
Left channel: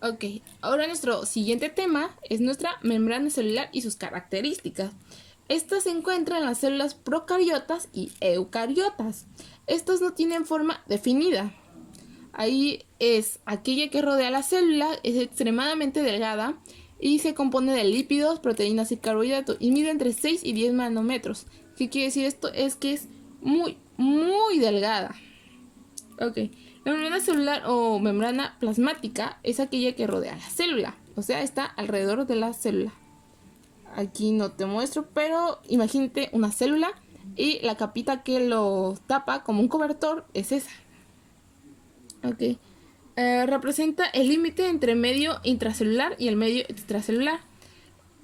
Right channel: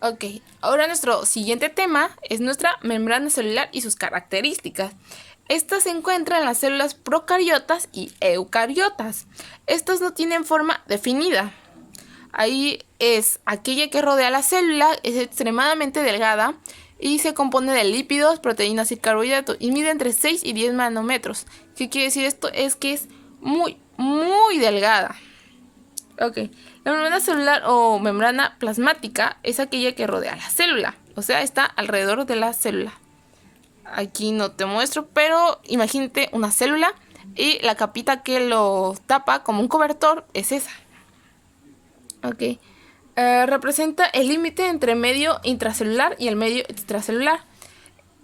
Ok, ahora nuestro siguiente tema es nuestra membrana celular y sus características. Esta se encuentra en las células procariotas y eucariotas. Estas no tienen forma definida. Ahí es aquella que rodea la célula, es extremadamente delgada y se compone de lípidos, proteínas y carbohidratos y mide entre 6 y 10 nanómetros. ¿Qué quiere decir esto? Es que es muy, muy delgada. Ok, la membrana celular o membrana plasmática es aquella que rodea la célula, o sea, está alrededor de la célula. Aquí no te muestro, pero imagínate una célula y la capita que lo tapa como un cobertor es esa. Ok. Representa el límite entre el medio intracelular y el medio extracelular.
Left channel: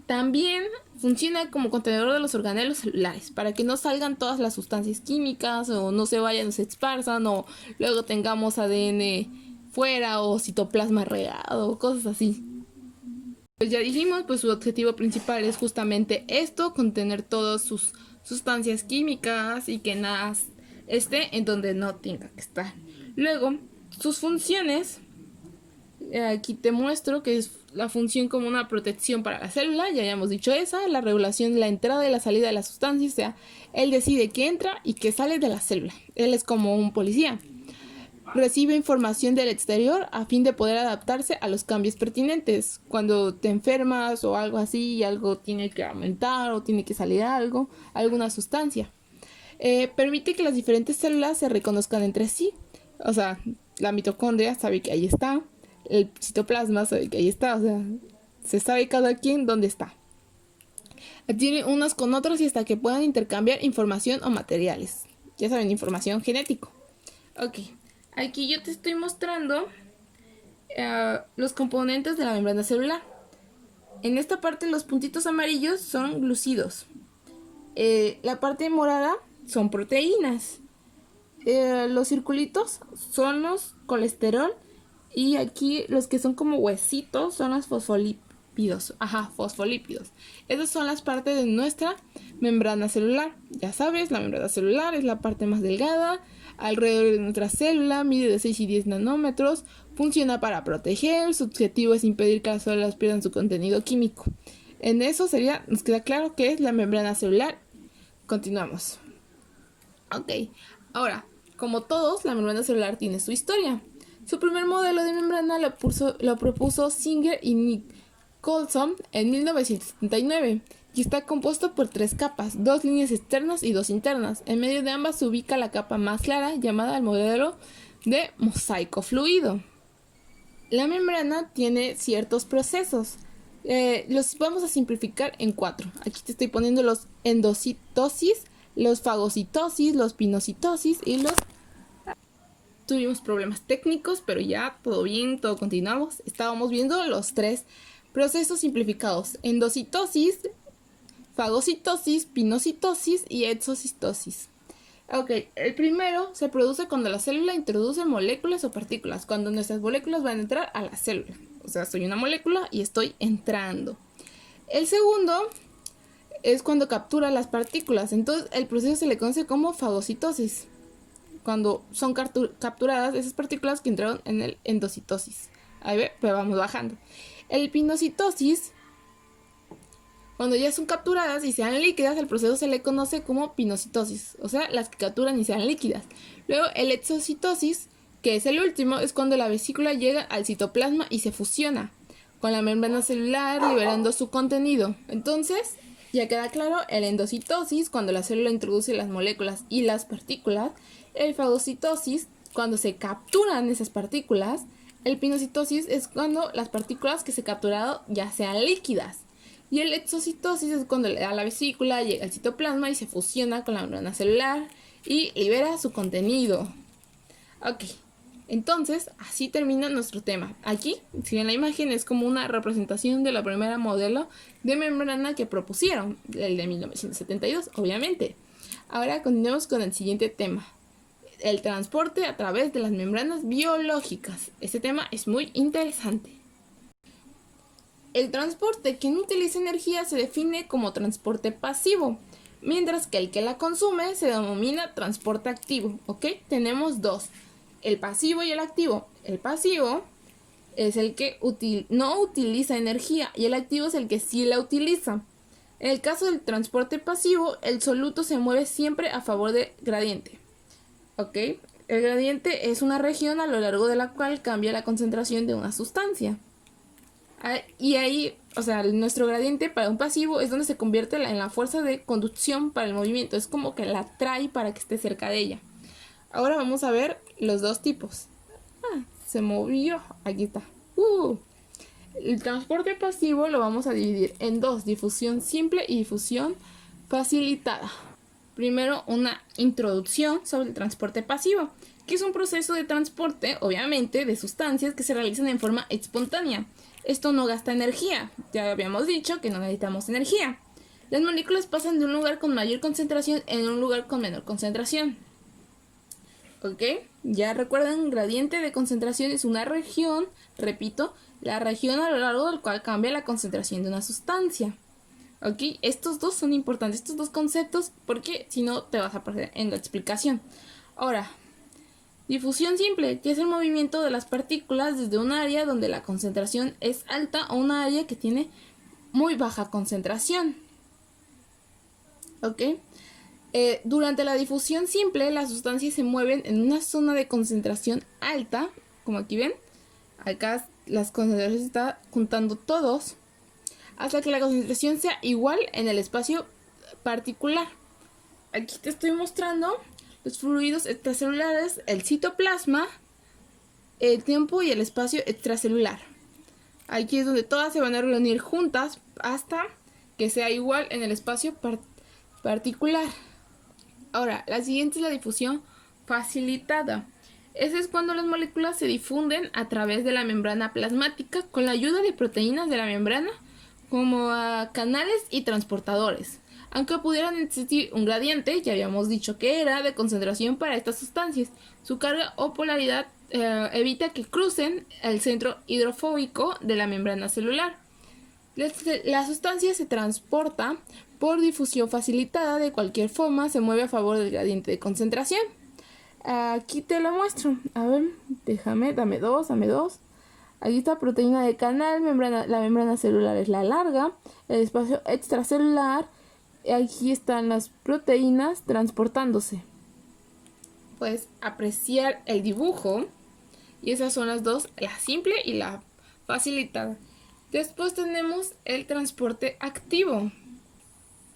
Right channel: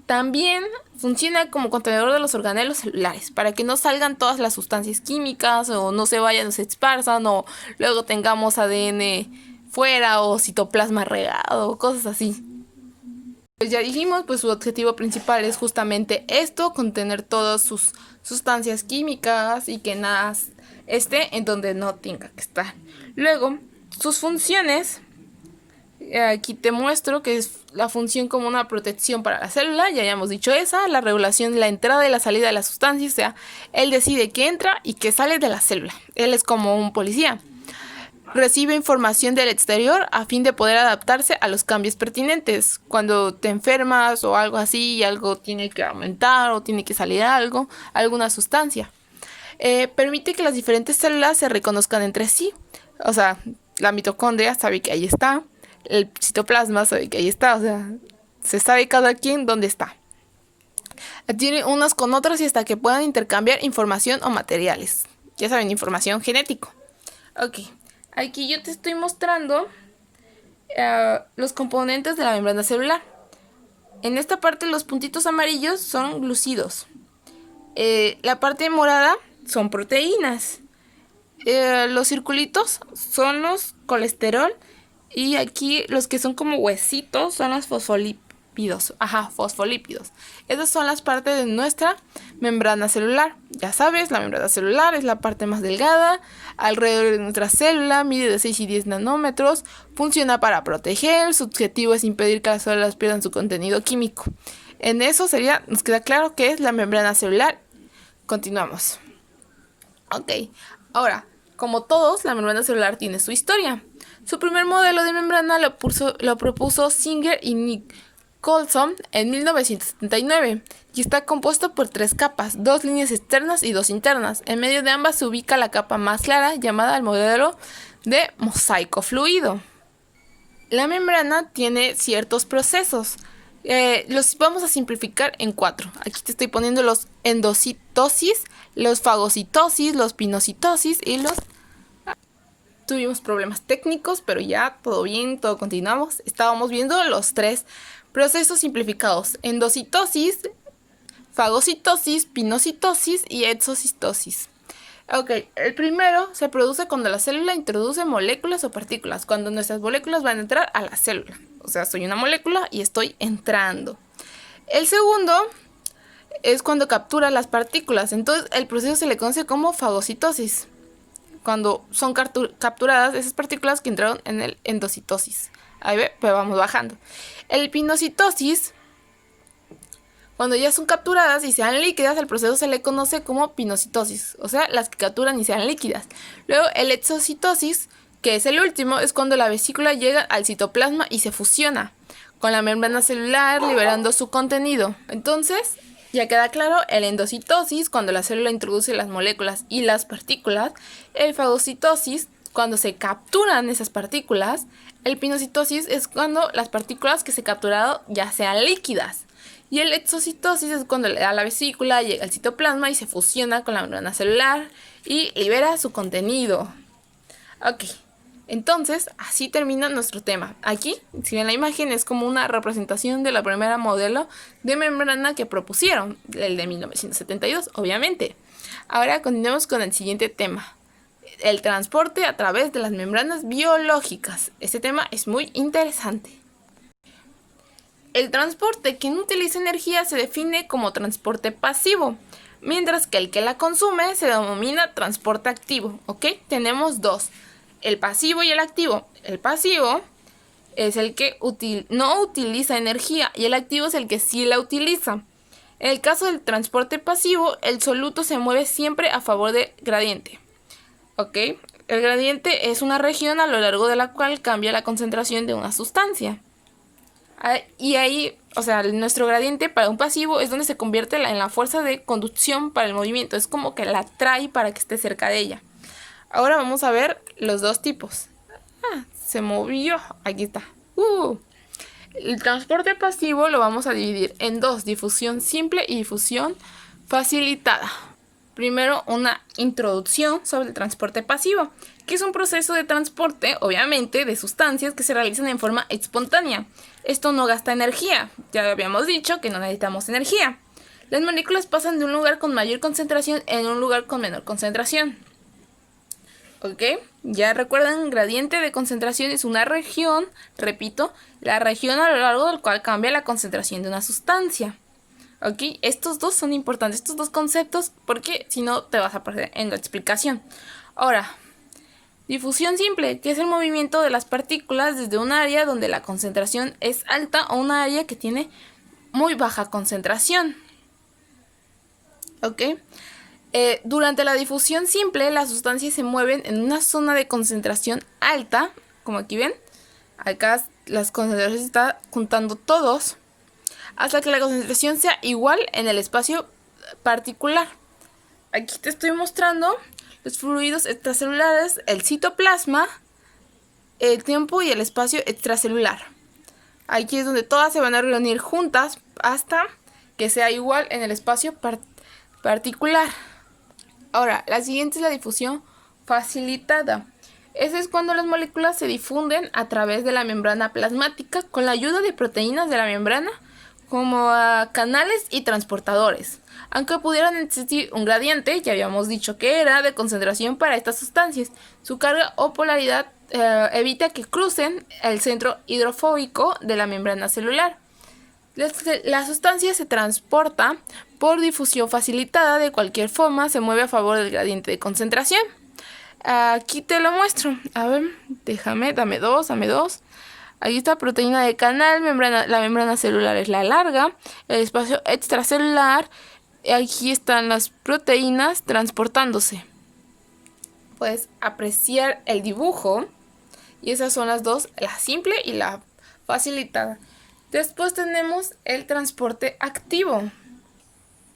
También funciona como contenedor de los organelos celulares para que no salgan todas las sustancias químicas o no se vayan, no se esparzan o luego tengamos ADN fuera o citoplasma regado, cosas así. Pues ya dijimos, pues su objetivo principal es justamente esto, contener todas sus sustancias químicas y que nada esté en donde no tenga que estar. Luego, sus funciones, aquí te muestro que es la función como una protección para la célula, ya habíamos dicho esa, la regulación de la entrada y la salida de las sustancias, o sea, él decide qué entra y qué sale de la célula, él es como un policía. Recibe información del exterior a fin de poder adaptarse a los cambios pertinentes. Cuando te enfermas o algo así y algo tiene que aumentar o tiene que salir algo, alguna sustancia. Permite que las diferentes células se reconozcan entre sí. O sea, la mitocondria sabe que ahí está, el citoplasma sabe que ahí está, o sea, se sabe cada quien dónde está. Adquiere unas con otras y hasta que puedan intercambiar información o materiales. Ya saben, información genética. Ok. Aquí yo te estoy mostrando los componentes de la membrana celular. En esta parte los puntitos amarillos son glúcidos. La parte morada son proteínas. Los circulitos son los colesterol. Y aquí los que son como huesitos son los fosfolípidos. Ajá, fosfolípidos. Esas son las partes de nuestra membrana celular. Ya sabes, la membrana celular es la parte más delgada. Alrededor de nuestra célula, mide de 6 y 10 nanómetros. Funciona para proteger. Su objetivo es impedir que las células pierdan su contenido químico. En eso nos queda claro que es la membrana celular. Continuamos. Ok, ahora, como todos, la membrana celular tiene su historia. Su primer modelo de membrana lo propuso Singer y Nicholson en 1979 y está compuesto por 3 capas, 2 líneas externas y 2 internas. En medio de ambas se ubica la capa más clara llamada el modelo de mosaico fluido. La membrana tiene ciertos procesos. Los vamos a simplificar en 4. Aquí te estoy poniendo los endocitosis, los fagocitosis, los pinocitosis y los... Tuvimos problemas técnicos, pero ya todo bien, todo continuamos. Estábamos viendo los 3 procesos simplificados: endocitosis, fagocitosis, pinocitosis y exocitosis. Ok, el primero se produce cuando la célula introduce moléculas o partículas, cuando nuestras moléculas van a entrar a la célula. O sea, soy una molécula y estoy entrando. El segundo es cuando captura las partículas, entonces el proceso se le conoce como fagocitosis. Cuando son capturadas esas partículas que entraron en el endocitosis. Ahí ve, pero vamos bajando. El pinocitosis, cuando ya son capturadas y sean líquidas, el proceso se le conoce como pinocitosis. O sea, las que capturan y sean líquidas. Luego el exocitosis, que es el último, es cuando la vesícula llega al citoplasma y se fusiona con la membrana celular, liberando su contenido. Entonces, Ya queda claro el endocitosis, cuando la célula introduce las moléculas y las partículas, el fagocitosis, cuando se capturan esas partículas, el pinocitosis es cuando las partículas que se capturaron ya sean líquidas, y el exocitosis es cuando le da a la vesícula, llega al citoplasma y se fusiona con la membrana celular y libera su contenido. Ok, entonces así termina nuestro tema. Aquí, si ven la imagen, es como una representación de la primera modelo de membrana que propusieron, el de 1972, obviamente. Ahora continuemos con el siguiente tema: el transporte a través de las membranas biológicas. Este tema es muy interesante. El transporte que no utiliza energía se define como transporte pasivo, mientras que el que la consume se denomina transporte activo. ¿Ok? Tenemos dos: el pasivo y el activo. El pasivo es el que no utiliza energía y el activo es el que sí la utiliza. En el caso del transporte pasivo, el soluto se mueve siempre a favor del gradiente. ¿Ok? El gradiente es una región a lo largo de la cual cambia la concentración de una sustancia. Y ahí, o sea, nuestro gradiente para un pasivo es donde se convierte en la fuerza de conducción para el movimiento. Es como que la atrae para que esté cerca de ella. Ahora vamos a ver los dos tipos. Se movió. Aquí está. El transporte pasivo lo vamos a dividir en dos: difusión simple y difusión facilitada. Primero, una introducción sobre el transporte pasivo, que es un proceso de transporte, obviamente, de sustancias que se realizan en forma espontánea. Esto no gasta energía. Ya habíamos dicho que no necesitamos energía. Las moléculas pasan de un lugar con mayor concentración en un lugar con menor concentración. ¿Ok? Ya recuerdan, gradiente de concentración es una región, repito, la región a lo largo del cual cambia la concentración de una sustancia. ¿Ok? Estos dos son importantes, estos dos conceptos, porque si no te vas a perder en la explicación. Ahora, difusión simple, que es el movimiento de las partículas desde un área donde la concentración es alta a un área que tiene muy baja concentración. ¿Ok? Durante la difusión simple, las sustancias se mueven en una zona de concentración alta, como aquí ven. Acá las concentraciones se están juntando todos, hasta que la concentración sea igual en el espacio particular. Aquí te estoy mostrando los fluidos extracelulares, el citoplasma, el tiempo y el espacio extracelular. Aquí es donde todas se van a reunir juntas hasta que sea igual en el espacio particular. Ahora, la siguiente es la difusión facilitada. Ese es cuando las moléculas se difunden a través de la membrana plasmática con la ayuda de proteínas de la membrana, como canales y transportadores. Aunque pudieran existir un gradiente, ya habíamos dicho que era de concentración para estas sustancias, su carga o polaridad evita que crucen el centro hidrofóbico de la membrana celular. La sustancia se transporta por difusión facilitada. De cualquier forma, se mueve a favor del gradiente de concentración. Aquí te lo muestro. A ver, dame dos. Ahí está proteína de canal, la membrana celular es la larga, el espacio extracelular, aquí están las proteínas transportándose. Puedes apreciar el dibujo y esas son las dos, la simple y la facilitada. Después tenemos el transporte activo.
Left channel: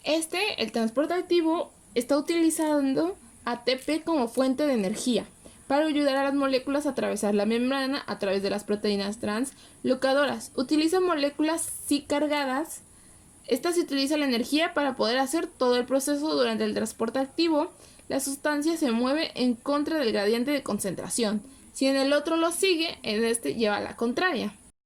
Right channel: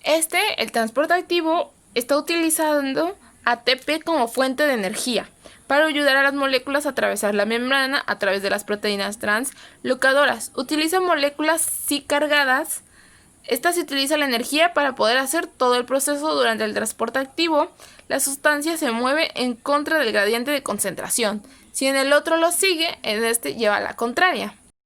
El transporte activo está utilizando ATP como fuente de energía para ayudar a las moléculas a atravesar la membrana a través de las proteínas translocadoras. Utiliza moléculas sí cargadas. Esta se utiliza la energía para poder hacer todo el proceso. Durante el transporte activo, la sustancia se mueve en contra del gradiente de concentración. Si en el otro lo sigue, en este lleva la contraria.